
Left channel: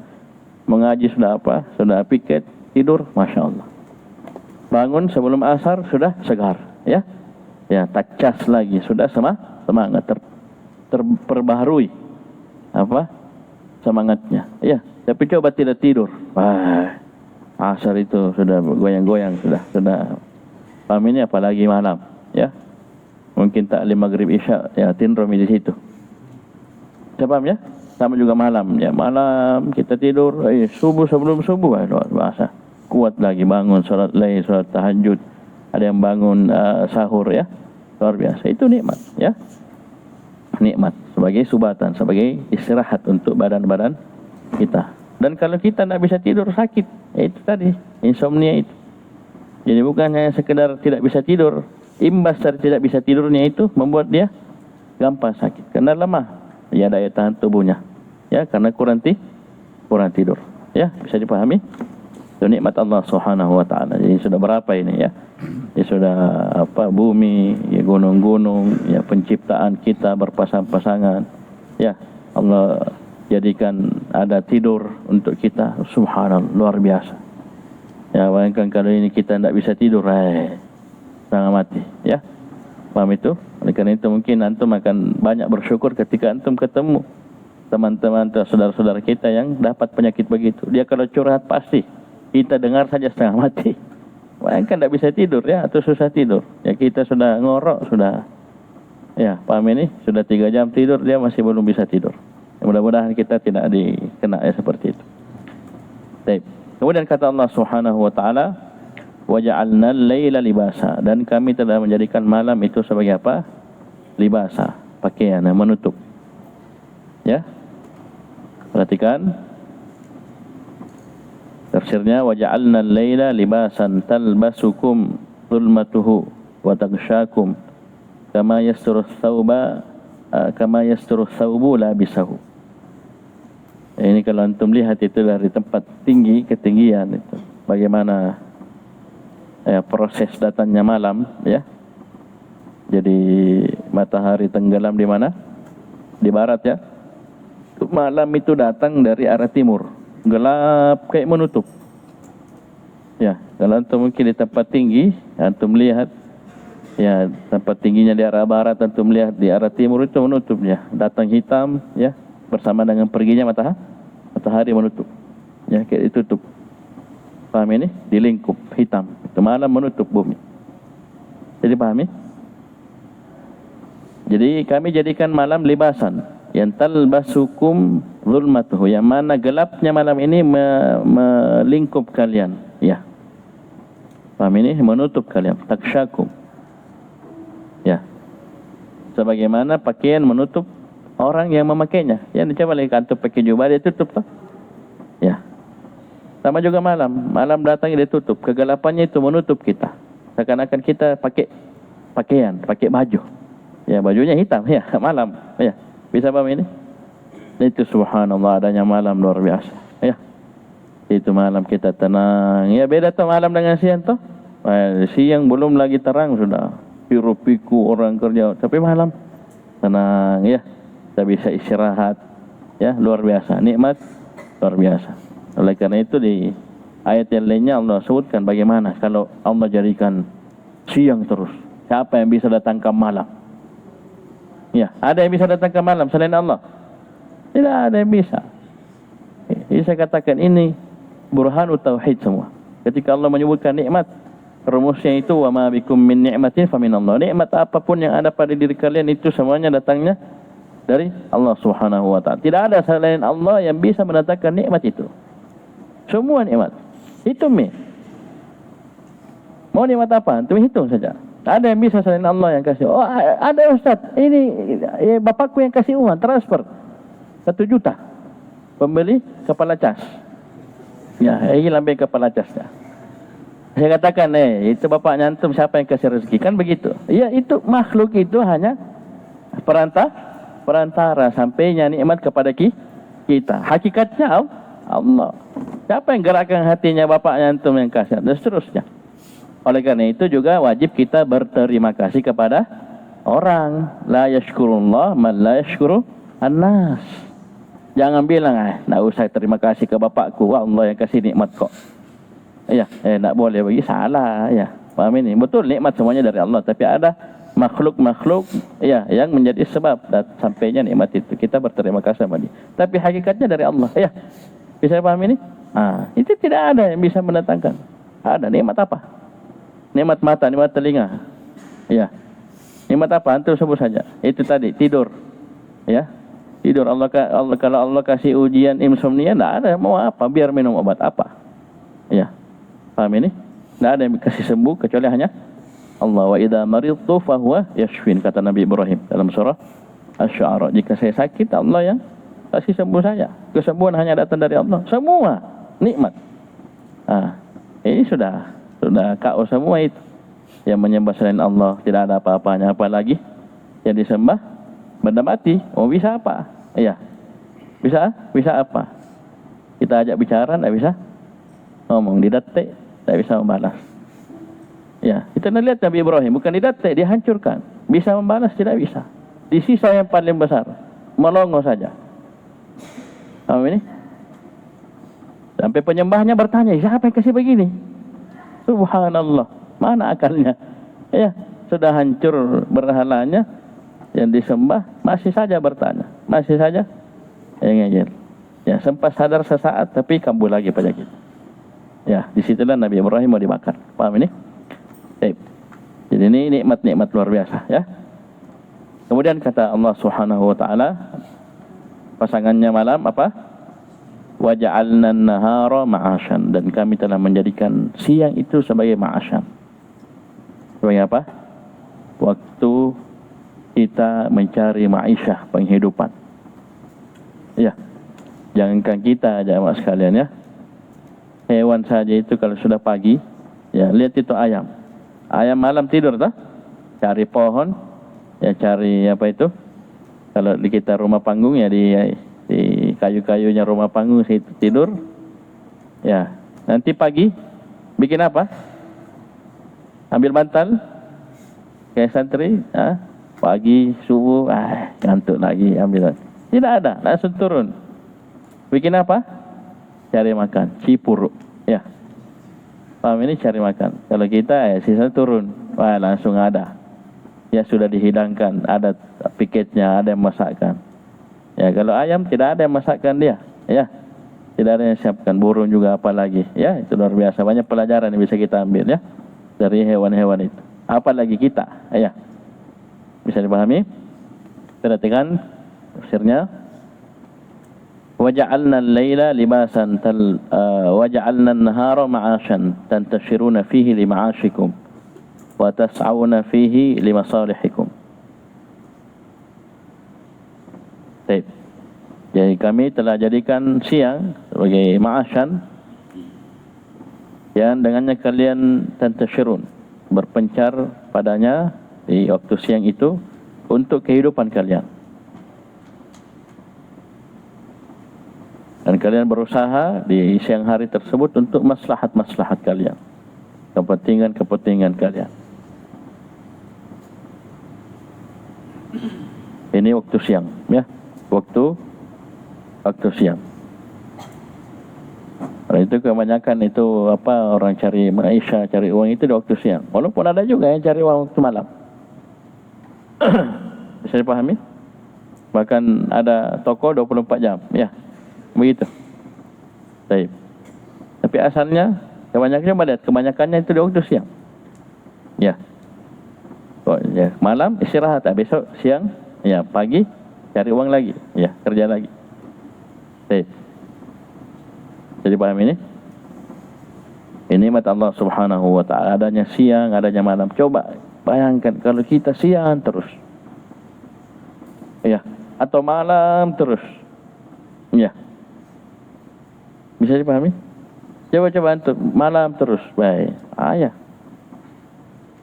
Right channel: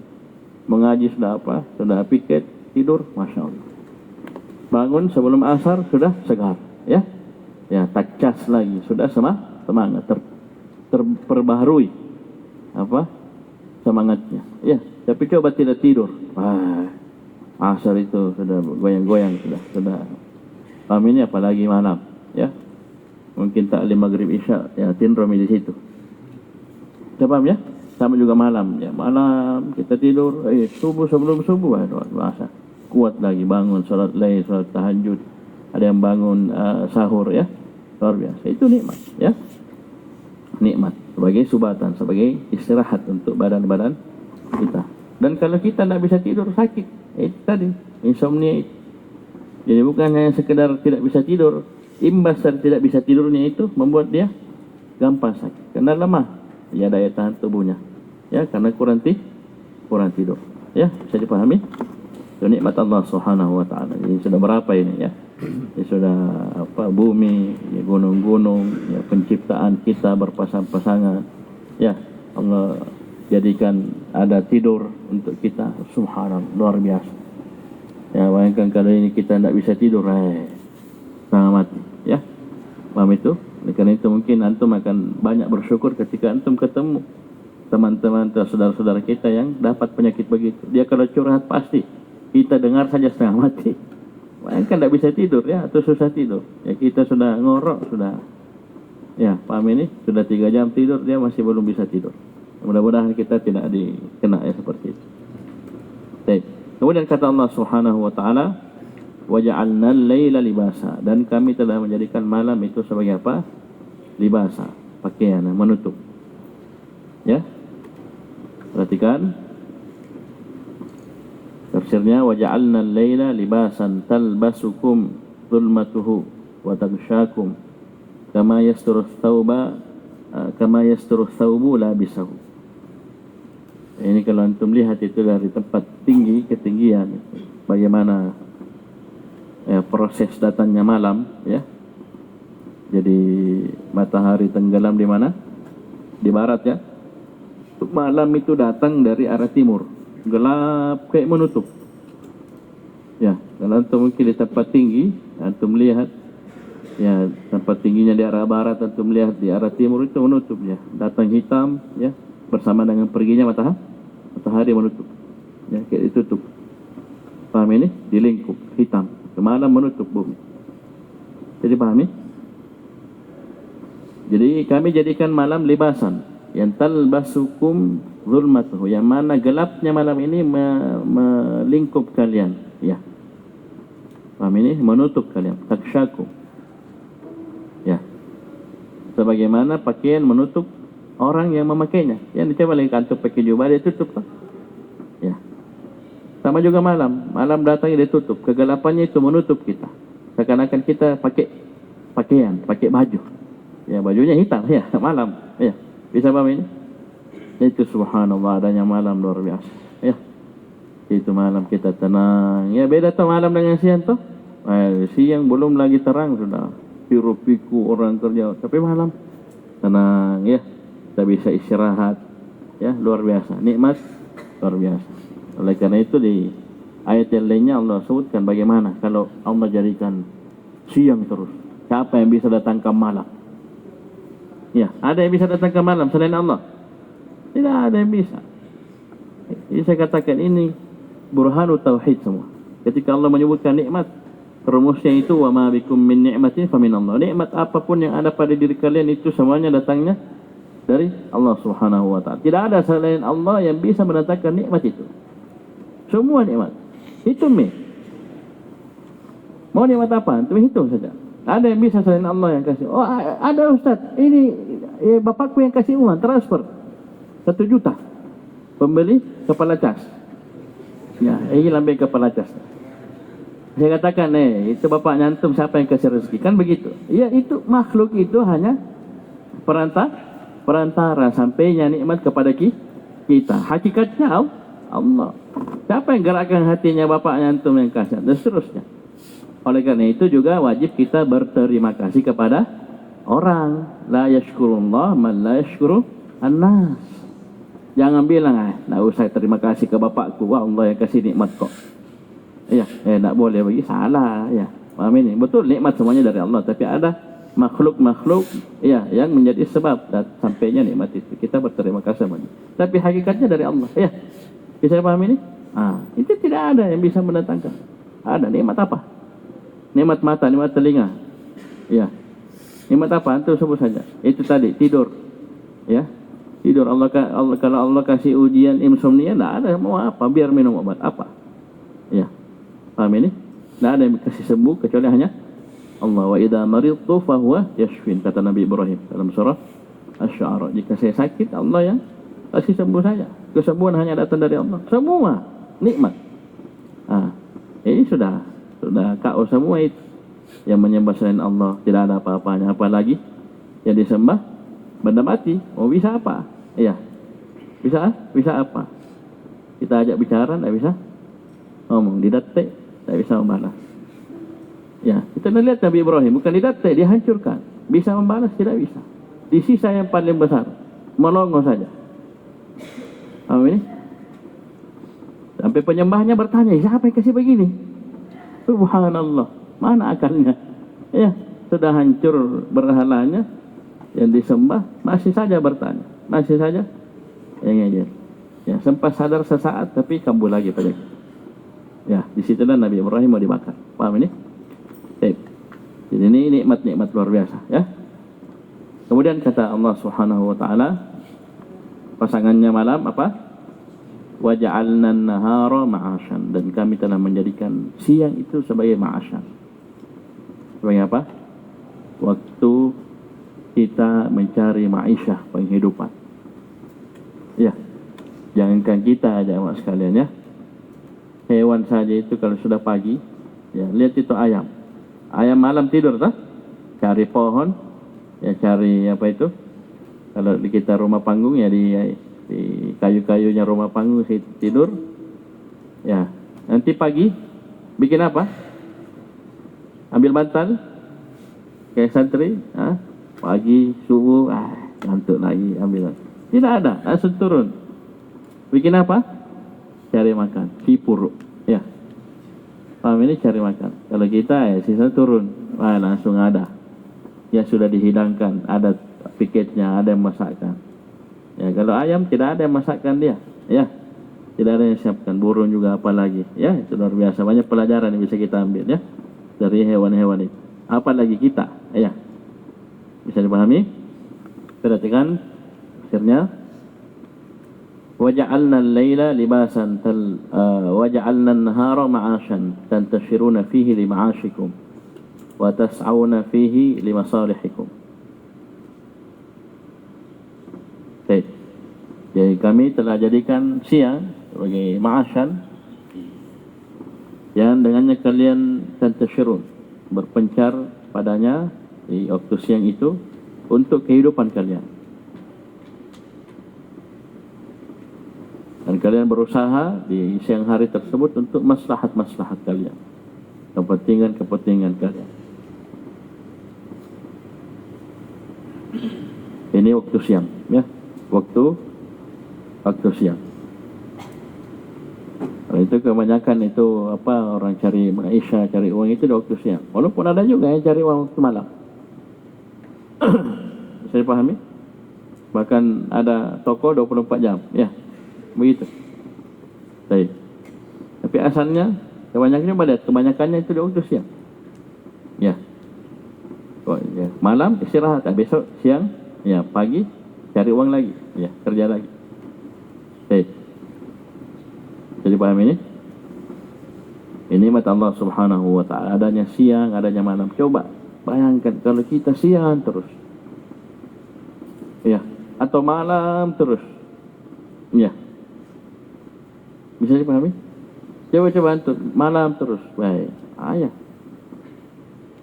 mengaji, sudah apa, sudah pikir, tidur, Masya Allah. Bangun sebelum asar sudah segar, ya, ya, tak cas lagi, sudah semangat, terperbaharui apa semangatnya, ya. Tapi coba tidak tidur, asar itu sudah goyang-goyang, sudah paham ini, apalagi malam, ya. Mungkin taklim maghrib isya, ya, tindromi di situ. Coba, ya. Sama juga malam, ya, malam kita tidur, subuh, sebelum subuh, bahasa kuat lagi bangun, sholat lain, sholat tahajud, ada yang bangun sahur, ya, luar biasa. Itu nikmat, ya, nikmat sebagai subatan, sebagai istirahat untuk badan-badan kita. Dan kalau kita tidak bisa tidur, sakit, itu tadi insomnia itu. Jadi bukan hanya sekedar tidak bisa tidur, imbas dari tidak bisa tidurnya itu membuat dia gampang sakit karena lemah, ya, daya tahan tubuhnya, ya, karena kurang tidur, ya. Bisa dipahami? Itu nikmat Allah Subhanahu wa taala. Jadi sudah berapa ini, ya? Ya sudah apa, bumi, ya, gunung-gunung, ya, penciptaan kita berpasang-pasangan, ya. Allah jadikan ada tidur untuk kita. Subhanallah, luar biasa. Ya, bayangkan kalau ini kita tidak bisa tidur, setengah mati. Ya, paham itu? Oleh karena itu mungkin antum akan banyak bersyukur ketika antum ketemu teman-teman atau saudara-saudara kita yang dapat penyakit begitu. Dia kalau curhat pasti kita dengar saja setengah mati. Bayangkan tidak bisa tidur ya, atau susah tidur. Ya kita sudah ngorok, sudah, ya paham ini, sudah 3 jam tidur, dia masih belum bisa tidur. Ya, mudah-mudahan kita tidak dikena ya seperti itu. Baik. Kemudian kata Allah Subhanahu wa taala, "Waja'alna al-laila libasa." Dan kami telah menjadikan malam itu sebagai apa? Libasa, pakaian yang menutup. Ya. Perhatikan tafsirnya, waja'alna al-laila libasan talbasukum dhulmatuhu wa taghshakum kama yasturu thawbu labisahu. Ini kalau antum lihat itu dari tempat tinggi, ketinggian itu, bagaimana proses datangnya malam, ya. Jadi matahari tenggelam di mana? Di barat, ya. Malam itu datang dari arah timur, gelap kayak menutup. Ya, kalau antum mungkin di tempat tinggi, antum lihat, ya tempat tingginya di arah barat, antum melihat di arah timur itu menutup, ya. Datang hitam, ya, bersama dengan perginya matahari menutup, ya, kayak ditutup. Paham ini? Dilingkup hitam. Ke malam menutup bumi. Jadi pahami? Jadi kami jadikan malam libasan, yang talbasukum zulmatuhu, yang mana gelapnya malam ini melingkup kalian, ya. Paham ini? Menutup kalian, taksyakum, ya. Sebagaimana pakaian menutup orang yang memakainya. Ya, coba lihat antum pakai jubah, dia tutup tak? Ya. Sama juga malam datangnya dia tutup, kegelapannya itu menutup kita. Seakan-akan kita pakai pakaian, pakai baju. Ya, bajunya hitam, ya, malam. Ya. Bisa paham ini? Itu subhanallah, adanya malam luar biasa. Ya. Itu malam kita tenang. Ya, beda tuh malam dengan siang tuh. Siang belum lagi terang sudah piru-piku orang kerja, tapi malam tenang, ya. Kita bisa istirahat, ya, luar biasa, nikmat luar biasa. Oleh karena itu di ayat yang lainnya Allah sebutkan bagaimana kalau Allah jadikan siang terus, siapa yang bisa datang ke malam? Ya, ada yang bisa datang ke malam selain Allah? Tidak ada yang bisa. Jadi saya katakan ini burhanu tauhid semua. Ketika Allah menyebutkan nikmat, rumusnya itu wa ma bikum min ni'matin fa min Allah. Nikmat apapun yang ada pada diri kalian itu semuanya datangnya dari Allah Subhanahu wa taala. Tidak ada selain Allah yang bisa mendatangkan nikmat itu. Semua nikmat. Hitung nih. Mau nikmat apa? Antum hitung saja. Ada yang bisa selain Allah yang kasih. Oh, ada Ustaz. Ini bapakku yang kasih uang transfer 1 juta. Pembeli kepala cas. Ya, ini lambe kepala cas. Ya. Saya katakan, itu bapaknya antum, siapa yang kasih rezeki? Kan begitu. Ya, itu makhluk itu hanya perantara sampainya nikmat kepada kita. Hakikatnya Allah. Siapa yang gerakkan hatinya bapaknya antum yang kasih? Dan seterusnya. Oleh karena itu juga wajib kita berterima kasih kepada orang. La yashkurullah man la yashkuru an-nas. Jangan bilang, nak usah terima kasih ke bapakku, wah Allah yang kasih nikmat kok. Ya, nak boleh bagi, salah, ya. Paham ini? Betul nikmat semuanya dari Allah, tapi ada makhluk-makhluk, ya, yang menjadi sebab dan sampainya nikmat itu. Kita berterima kasih kepada dia. Tapi hakikatnya dari Allah, ya. Bisa paham ini? Itu tidak ada yang bisa mendatangkan. Ada nikmat apa? Nikmat mata, nikmat telinga. Ya. Nikmat apa? Antum sebut saja. Itu tadi, tidur. Ya. Tidur. Allah kalau Allah kasih ujian insomnia, tidak ada. Mau apa? Biar minum obat apa? Ya. Paham ini? Tidak ada yang kasih sembuh kecuali hanya Allah. Wa idza maridtu fa huwa yashfin, kata Nabi Ibrahim dalam surah Asy-Syu'ara. Jika saya sakit, Allah yang kasih sembuh saya. Kesembuhan hanya datang dari Allah. Semua nikmat. Ini sudah kau semua itu. Yang menyembah selain Allah tidak ada apa-apanya, apalagi yang disembah benda mati. Oh, bisa apa? Iya. Bisa apa? Kita ajak bicara, tidak bisa ngomong, didetik, tidak bisa membalas. Ya, kita lihat Nabi Ibrahim, bukan didetik, dihancurkan. Bisa membalas, tidak bisa. Di sisa yang paling besar, melongo saja. Paham ini? Sampai penyembahnya bertanya, siapa yang kasih begini? Subhanallah, mana akalnya? Ya, sudah hancur berhalanya yang disembah, masih saja bertanya, masih saja ngejel. Ya, sempat sadar sesaat, tapi kambuh lagi penyakit. Ya, disitulah Nabi Ibrahim mau dibakar. Paham ini? Baik. Jadi ini nikmat-nikmat luar biasa, ya. Kemudian kata Allah Subhanahu wa taala, pasangannya malam apa? Wa ja'alna an-nahara ma'asyan, dan kami telah menjadikan siang itu sebagai ma'asyan. Sebagai apa? Waktu kita mencari ma'isyah, penghidupan. Ya. Jangankan kita jamaah sekalian, ya. Hewan saja itu kalau sudah pagi, ya lihat itu ayam. Ayam malam tidur tak? Cari pohon, ya cari apa itu? Kalau di kita rumah panggung ya di kayu-kayunya rumah panggung situ tidur. Ya, nanti pagi bikin apa? Ambil bantal kayak santri, ya. Pagi subuh, gantuk lagi ambil. Tidak ada, langsung turun. Bikin apa? Cari makan, cipuruk, ya. Paham ini cari makan. Kalau kita ya sisa turun, langsung ada. Ya sudah dihidangkan, ada piketnya, ada yang masakkan. Ya kalau ayam tidak ada yang masakkan dia, ya. Tidak ada yang siapkan. Burung juga apalagi, ya. Itu luar biasa, banyak pelajaran yang bisa kita ambil, ya, dari hewan-hewan itu. Apalagi kita, ya. Bisa dipahami? Perhatikan tafsirnya. وَجَعَلْنَا اللَّيْلَ لِبَاسًا وَجَعَلْنَا النَّهَارَ مَعَاشًا تَنْتَشِرُونَ فِيهِ لِمَعَاشِكُمْ وَتَسْعَوْنَ فِيهِ لِمَصَالِحِكُمْ. Jadi kami telah jadikan siang sebagai ma'asyan, yang dengannya kalian tantashirun, berpencar padanya di waktu siang itu untuk kehidupan kalian. Dan kalian berusaha di siang hari tersebut untuk maslahat-maslahat kalian, kepentingan-kepentingan kalian. Ini waktu siang, ya. Waktu siang. Karena itu kebanyakan itu apa, orang cari maisha, cari uang itu di waktu siang. Walaupun ada juga yang cari uang waktu malam. Bisa dipahami? Bahkan ada toko 24 jam, ya. Begitu. Baik. Tapi asalnya kebanyakannya itu di waktu siang. Ya. Ya, malam istirahat, besok siang, ya, pagi cari uang lagi, ya, kerja lagi. Baik. Jadi paham ini? Ini nikmat Allah Subhanahu wa taala, adanya siang, adanya malam. Coba bayangkan kalau kita siang terus. Ya, atau malam terus. Ya. Bisa dipahami? Coba untuk malam terus, baik. Ya.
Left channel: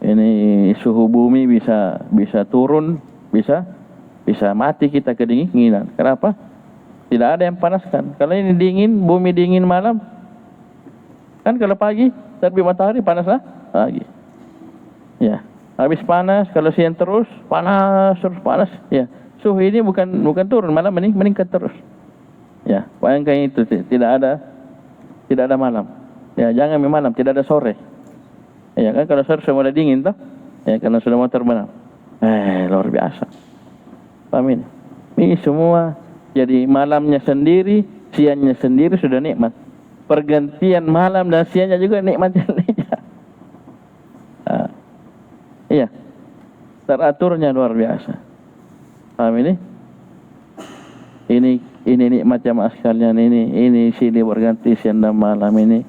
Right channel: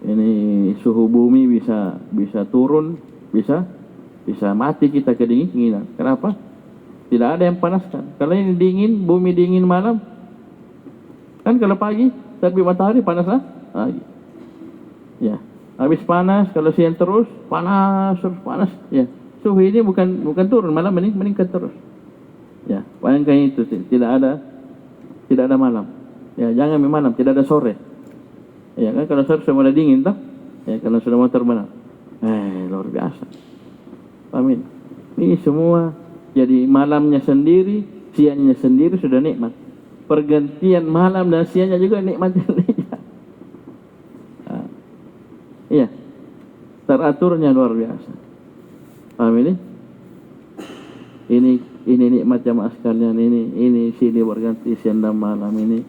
Ini suhu bumi bisa turun, bisa mati kita kedinginan. Kenapa? Tidak ada yang panaskan. Kalau ini dingin, bumi dingin malam. Kan kalau pagi, tapi matahari panas lah pagi. Ya. Habis panas, kalau siang terus panas. Ya. Suhu ini bukan turun, malah meningkat terus. Ya, bayangkan itu, tidak ada malam. Ya, jangan malam, tidak ada sore. Ya kan, kalau sore sudah mulai dingin toh. Ya, karena sudah mau terbenam. Luar biasa. Amin. Ini semua jadi malamnya sendiri, siangnya sendiri sudah nikmat. Pergantian malam dan siangnya juga nikmatnya. Iya. Teraturnya luar biasa. Amin. Ini nikmat jamaah sekalian, ini silih berganti siang dan malam ini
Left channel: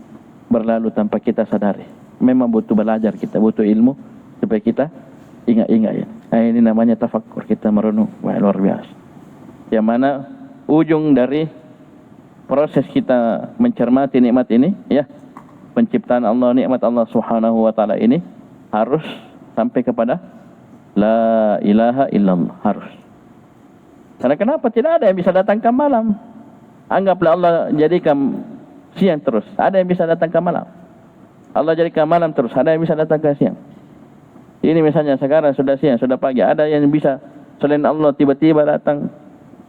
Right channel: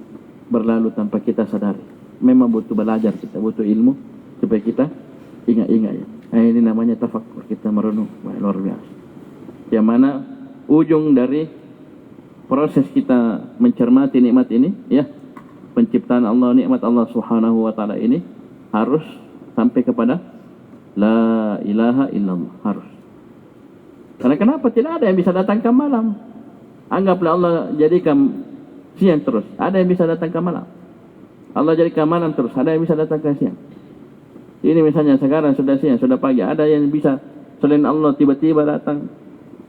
berlalu tanpa kita sadari. Memang butuh belajar, kita butuh ilmu supaya kita ingat-ingat, ya. Ini namanya tafakkur, kita merenung. Wah, luar biasa. Yang mana ujung dari proses kita mencermati nikmat ini, ya, penciptaan Allah, nikmat Allah Subhanahu wa taala ini harus sampai kepada la ilaha illallah, harus. Karena kenapa? Tidak ada yang bisa datangkan malam. Anggaplah Allah jadikan siang terus, ada yang bisa datangkan malam. Allah jadikan malam terus, ada yang bisa datangkan siang. Ini misalnya sekarang sudah siang, sudah pagi, ada yang bisa selain Allah tiba-tiba datang.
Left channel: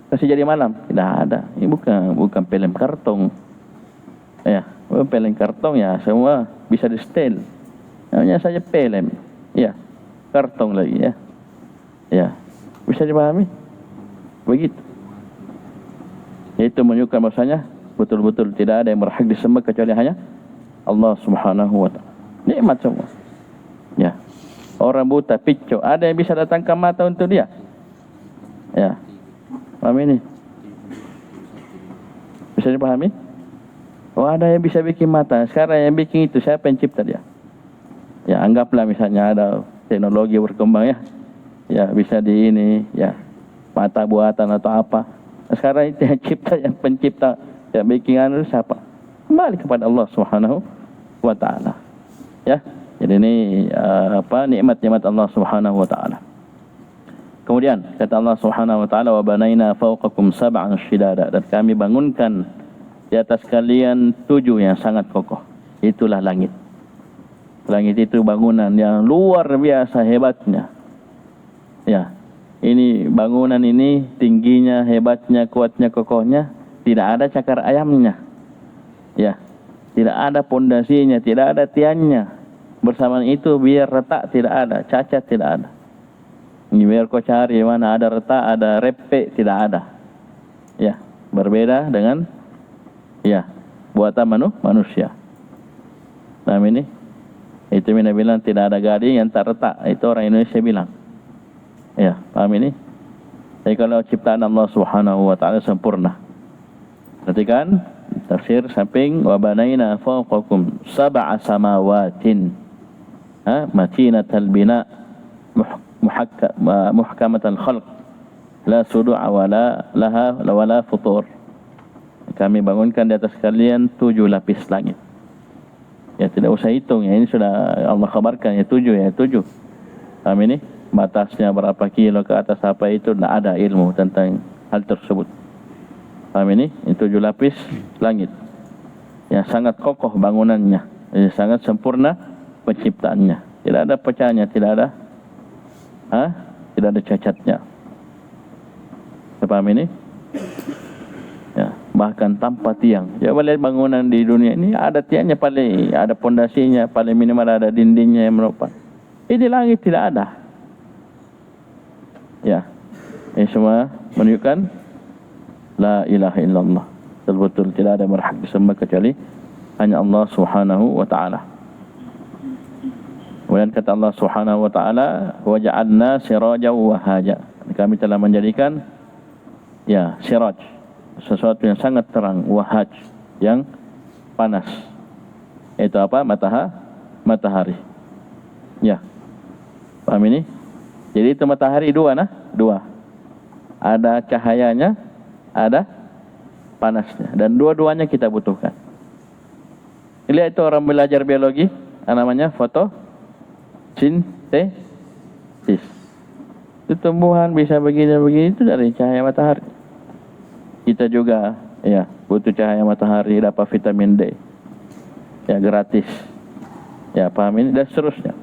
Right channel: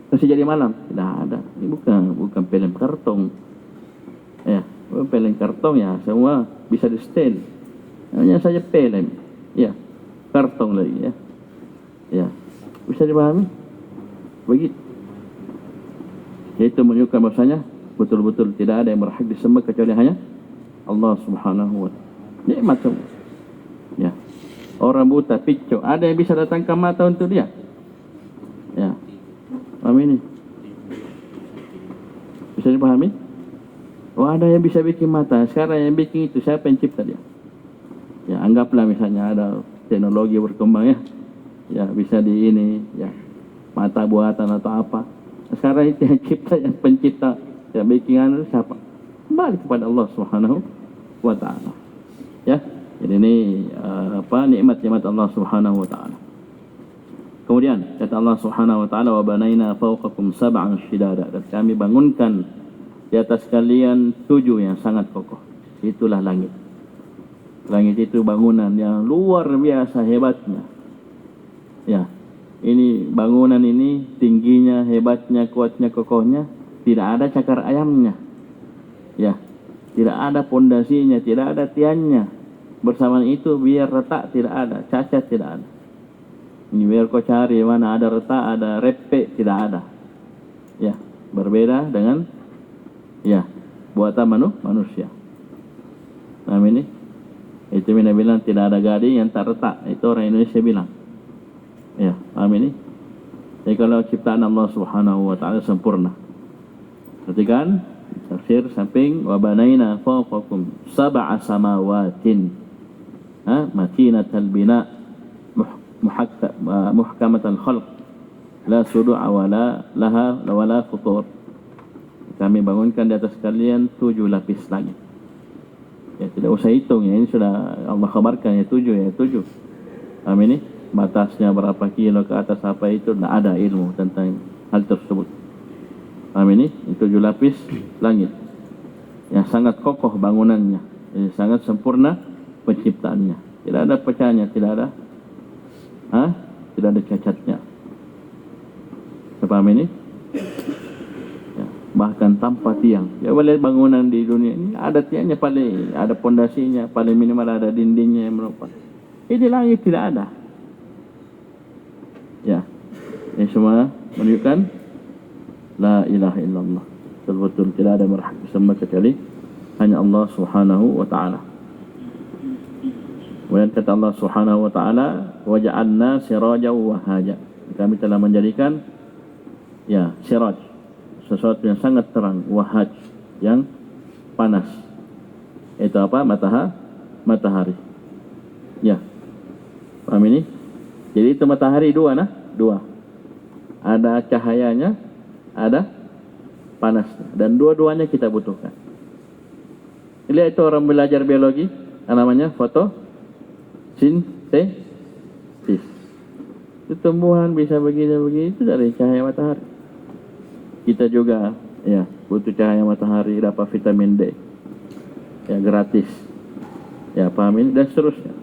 Masih jadi malam? Tidak ada. Ini bukan film kartun. Ya, film kartun ya semua bisa di setel. Namanya saja film. Ya, kartun lagi ya. Ya, bisa dipahami? Begitu. Itu menunjukkan bahasanya betul-betul tidak ada yang berhak disembah kecuali hanya Allah Subhanahu wa ta'ala. Nikmat semua. Ya. Orang buta, picu, ada yang bisa datangkan mata untuk dia? Ya. Paham ini? Bisa dipahami? Oh, ada yang bisa bikin mata. Sekarang yang bikin itu siapa yang cipta dia? Ya, anggaplah misalnya ada teknologi berkembang ya. Ya, bisa di ini, ya. Mata buatan atau apa. Sekarang itu yang cipta, yang pencipta, yang bikin siapa? Kembali kepada Allah Subhanahu wa ta'ala. Ya. Jadi ini nikmat-nikmat Allah Subhanahu wa ta'ala. Kemudian kata Allah Subhanahu wa ta'ala, wa banaina fawqakum sab'an shidada, dan kami bangunkan di atas kalian 7 yang sangat kokoh. Itulah langit. Langit itu bangunan yang luar biasa hebatnya. Ya. Ini bangunan ini tingginya, hebatnya, kuatnya, kokohnya, tidak ada cakar ayamnya. Ya. Tidak ada pondasinya, tidak ada tiangnya. Bersamaan itu biar retak tidak ada, cacat tidak ada. Ini biar kau cari mana ada retak, ada repek, tidak ada. Ya, berbeda dengan buatan manusia. Paham ini? Itu Mina bilang tidak ada gading yang tak retak. Itu orang Indonesia bilang. Ya, paham ini? Jadi kalau ciptaan Allah Subhanahu wa ta'ala sempurna. Perhatikan tafsir samping, wa banaina fawqakum sab'a samawatin matinatal bina muhkamatal khalq la sudu'a wala laha wala futur. Kami bangunkan di atas kalian 7 lapis langit. Ya, tidak usah hitung ya, ini sudah Allah kabarkan ya 7 ya 7. Paham ini? Batasnya berapa kilo ke atas apa itu tidak ada ilmu tentang hal tersebut. Paham ini? Itu 7 lapis langit yang sangat kokoh bangunannya, sangat sempurna penciptaannya. Tidak ada pecahnya, tidak ada cacatnya. Paham ini? Ya, bahkan tanpa tiang. Ya, boleh bangunan di dunia ini ada tiangnya, paling ada pondasinya, paling minimal ada dindingnya yang merupakan. Ini langit tidak ada. Ya, ini semua menunjukkan la ilaha illallah. Betul-betul tidak ada yang berhak disembah kecuali hanya Allah Subhanahu wa ta'ala. Kemudian kata Allah Subhanahu wa ta'ala, wa ja'alna sirajan wa haja. Kami telah menjadikan siraj, sesuatu yang sangat terang, wahaj, yang panas. Itu apa? Matahari. Ya. Paham ini? Jadi itu matahari dua. Ada cahayanya, ada panasnya, dan dua-duanya kita butuhkan. Lihat itu orang belajar biologi, namanya fotosintesis. Itu tumbuhan bisa begini itu dari cahaya matahari. Kita juga butuh cahaya matahari, dapat vitamin D. Ya, gratis. Ya, paham ini, dan seterusnya.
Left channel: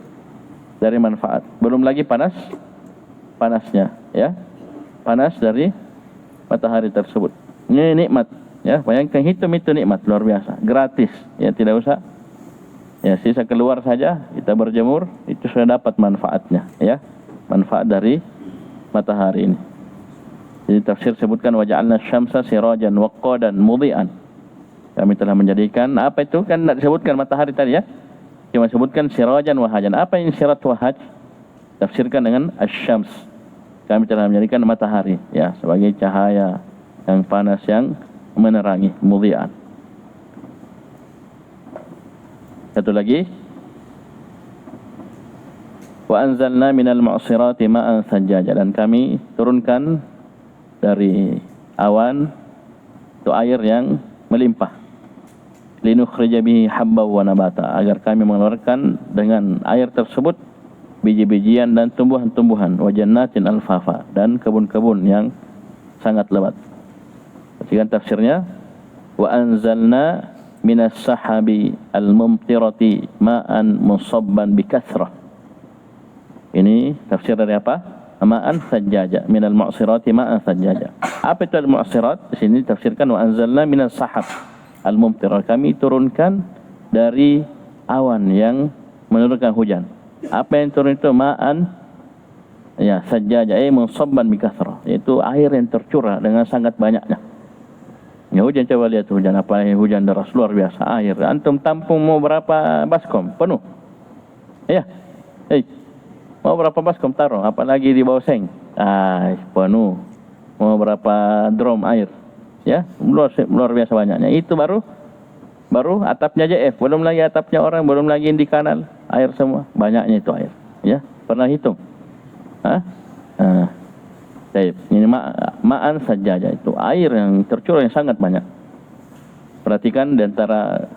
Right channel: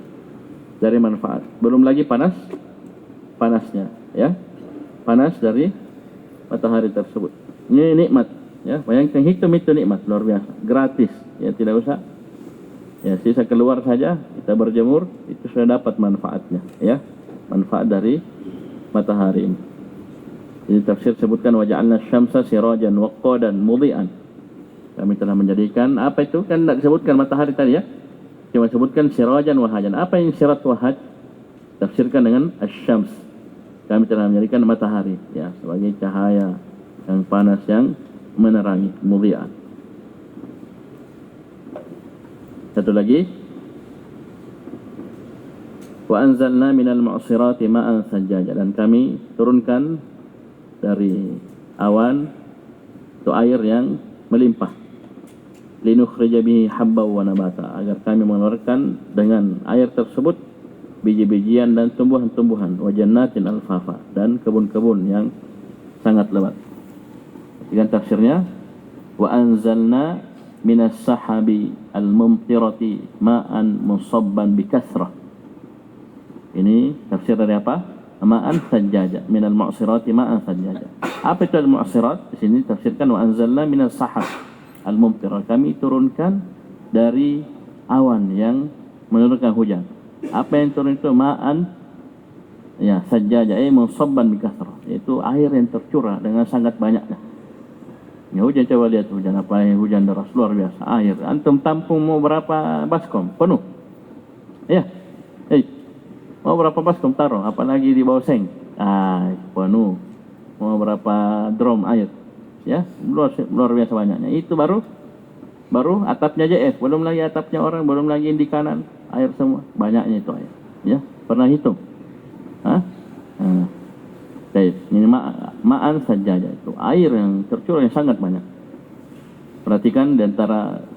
Dari manfaat. Belum lagi panasnya, ya. Panas dari matahari tersebut. Ini nikmat, ya. Bayangkan hitung itu nikmat luar biasa, gratis. Ya, tidak usah. Ya, sisa keluar saja kita berjemur, itu sudah dapat manfaatnya, ya. Manfaat dari matahari ini. Jadi tafsir sebutkan wa ja'alna syamsa sirajan wa qadan mudhi'an. Kami telah menjadikan apa itu? Kan tidak disebutkan matahari tadi ya. Cuma sebutkan sirajan wahajan. Apa yang sirat wahaj? Tafsirkan dengan asyams. Kami telah menjadikan matahari ya sebagai cahaya yang panas yang menerangi, mudhi'an. Satu lagi. Wa anzalna minal mu'sirati ma'an sajjaja, dan kami turunkan dari awan itu air yang melimpah. Linukhrija bihi habban wa nabata, agar kami mengeluarkan dengan air tersebut biji-bijian dan tumbuhan-tumbuhan, wa jannatin alfafa, dan kebun-kebun yang sangat lebat. Perhatikan tafsirnya, wa anzalna minas sahabi al-mumtirati ma'an musabban bikathrah. Ini tafsir dari apa? ma'an sajjaja, minal mu'sirati ma'an sajjaja. Apa itu al-mu'sirat? Di sini tafsirkan wa anzalna minas sahab al-mumtirah. Kami turunkan dari awan yang menurunkan hujan. Apa yang turun itu ma'an ya sajjaja, musabban bi kathrah, yaitu air yang tercurah dengan sangat banyaknya. Ya hujan, coba lihat hujan apa, hujan deras luar biasa, air. Antum tampung mau berapa baskom penuh? Ya. Mau berapa baskom taruh, apalagi di bawah seng. Penuh. Mau berapa drum air. Ya, luar biasa banyaknya. Itu baru atapnya JF, belum lagi atapnya orang, belum lagi di kanal, air semua. Banyaknya itu air. Ya, pernah hitung? Ini ma'an sajaja, itu air yang tercurah yang sangat banyak. Perhatikan di antara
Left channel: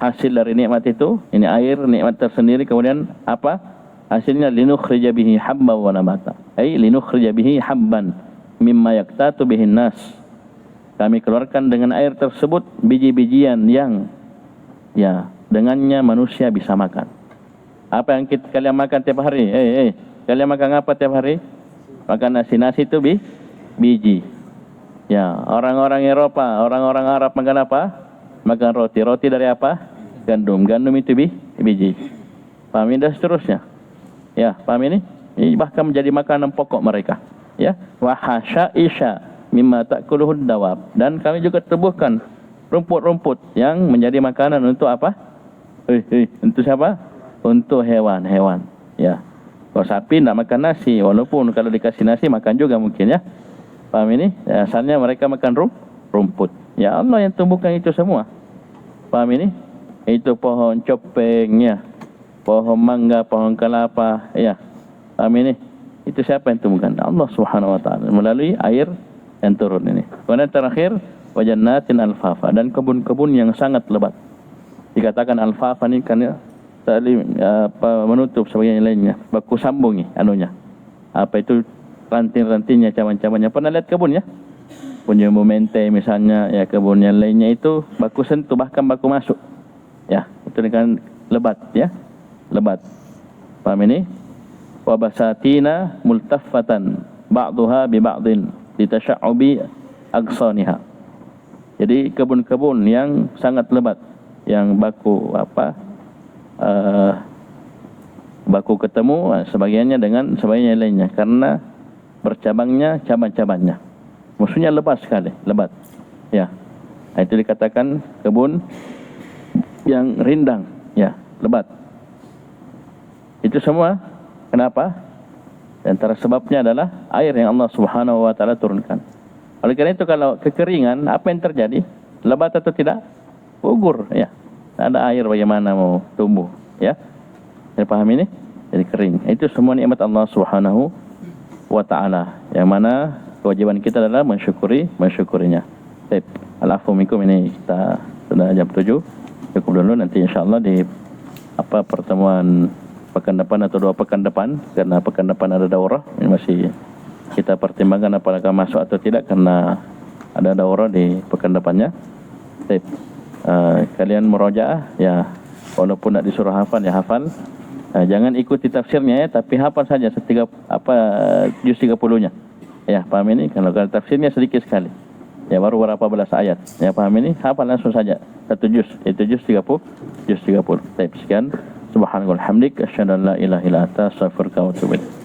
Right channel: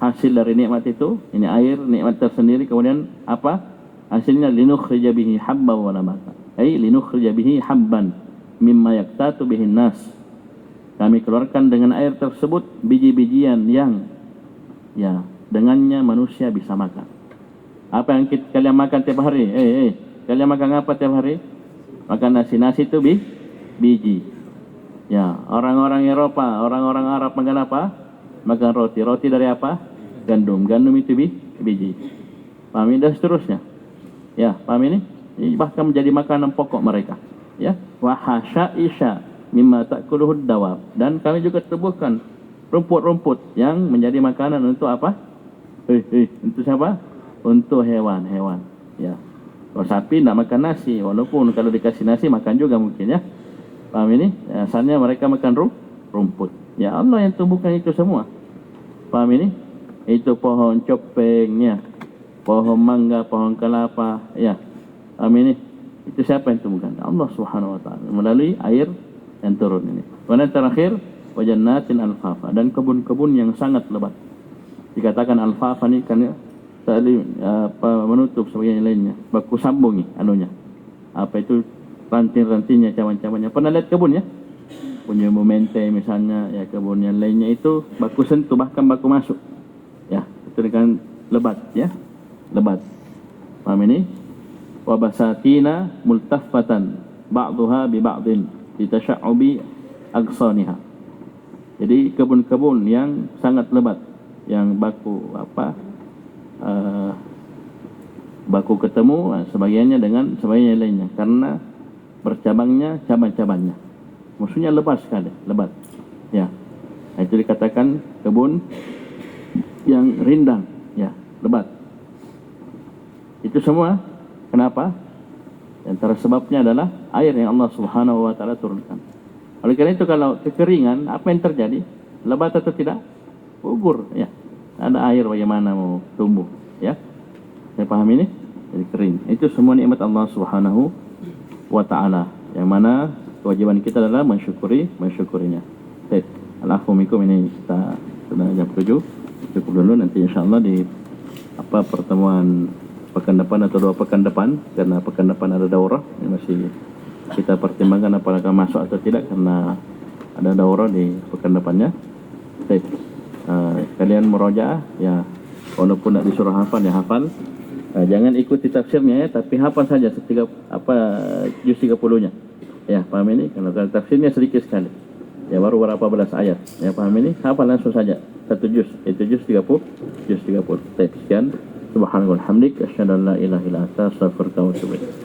hasil dari nikmat itu, ini air nikmat tersendiri, kemudian apa? Hasilnya linukhrija bihi habban wa nabata. Linukhrija bihi habban mimma yaktatu bihin nas. Kami keluarkan dengan air tersebut biji-bijian yang ya dengannya manusia bisa makan. Apa yang kalian makan tiap hari? Kalian makan apa tiap hari? Makan nasi itu biji. Ya, orang-orang Eropa, orang-orang Arab makan apa? Makan roti. Roti dari apa? Gandum. Gandum itu biji. Paham ini dan seterusnya. Ya, paham ini? Ini bahkan menjadi makanan pokok mereka. Ya, wa hasyaisha mimma ta'kuluhud dawab. Dan kami juga tebuhkan rumput-rumput yang menjadi makanan untuk apa? Untuk siapa? Untuk hewan-hewan. Ya. Kalau sapi tidak makan nasi, walaupun kalau dikasih nasi makan juga mungkin ya. Paham ini? Ya, asalnya mereka makan rumput. Ya Allah yang tumbuhkan itu semua. Paham ini? Itu pohon copeng ya. Pohon mangga, pohon kelapa, ya. Paham ini? Itu siapa yang tumbuhkan? Allah Subhanahu wa taala melalui air yang turun ini. Kemudian terakhir, wa jannatin alfafa, dan kebun-kebun yang sangat lebat. Dikatakan alfafa ini karena menutup sebagian lainnya, baku sambungi anunya. Apa itu ranting-rantingnya, caman-camannya. Pernah lihat kebun ya? Punya momente misalnya, ya kebun yang lainnya itu baku sentuh, bahkan baku masuk. Ya, itu dengan lebat ya. Lebat. Paham ini? Wa basatina multaffatan ba'daha bi ba'din litasha'ubi agsaniha. Jadi kebun-kebun yang sangat lebat, yang baku baku ketemu sebagiannya dengan sebagiannya lainnya karena bercabangnya cabang-cabangnya. Maksudnya lebat sekali, lebat. Ya. Itu dikatakan kebun yang rindang, ya, lebat. Itu semua kenapa? Di antara sebabnya adalah air yang Allah Subhanahu wa taala turunkan. Oleh karena itu kalau kekeringan, apa yang terjadi? Lebat atau tidak? Gugur, ya. Tak ada air bagaimana mau tumbuh, ya. Saya paham ini? Jadi kering. Itu semua nikmat Allah Subhanahu wa taala. Yang mana kewajiban kita adalah mensyukurinya. Baik, al-afwu minkum, ini kita sudah jam 7. Cukup dulu, nanti insyaallah di pertemuan pekan depan atau 2 pekan depan, karena pekan depan ada daurah, ini masih kita pertimbangkan apakah masuk atau tidak karena ada daurah di pekan depannya. Baik, kalian murojaah ya, walaupun tidak disuruh hafal ya hafal. Jangan ikuti tafsirnya ya, tapi hafal saja juz 30-nya. Ya, paham ini? Kalau tafsirnya sedikit sekali. Ya, baru berapa belas ayat. Ya, paham ini? Hafal langsung saja. 1 juz, itu juz 30. Baik, sekian. Subhanallah walhamdik, asyhadu an la ilaha illa anta, astaghfiruka wa atubu ilaik.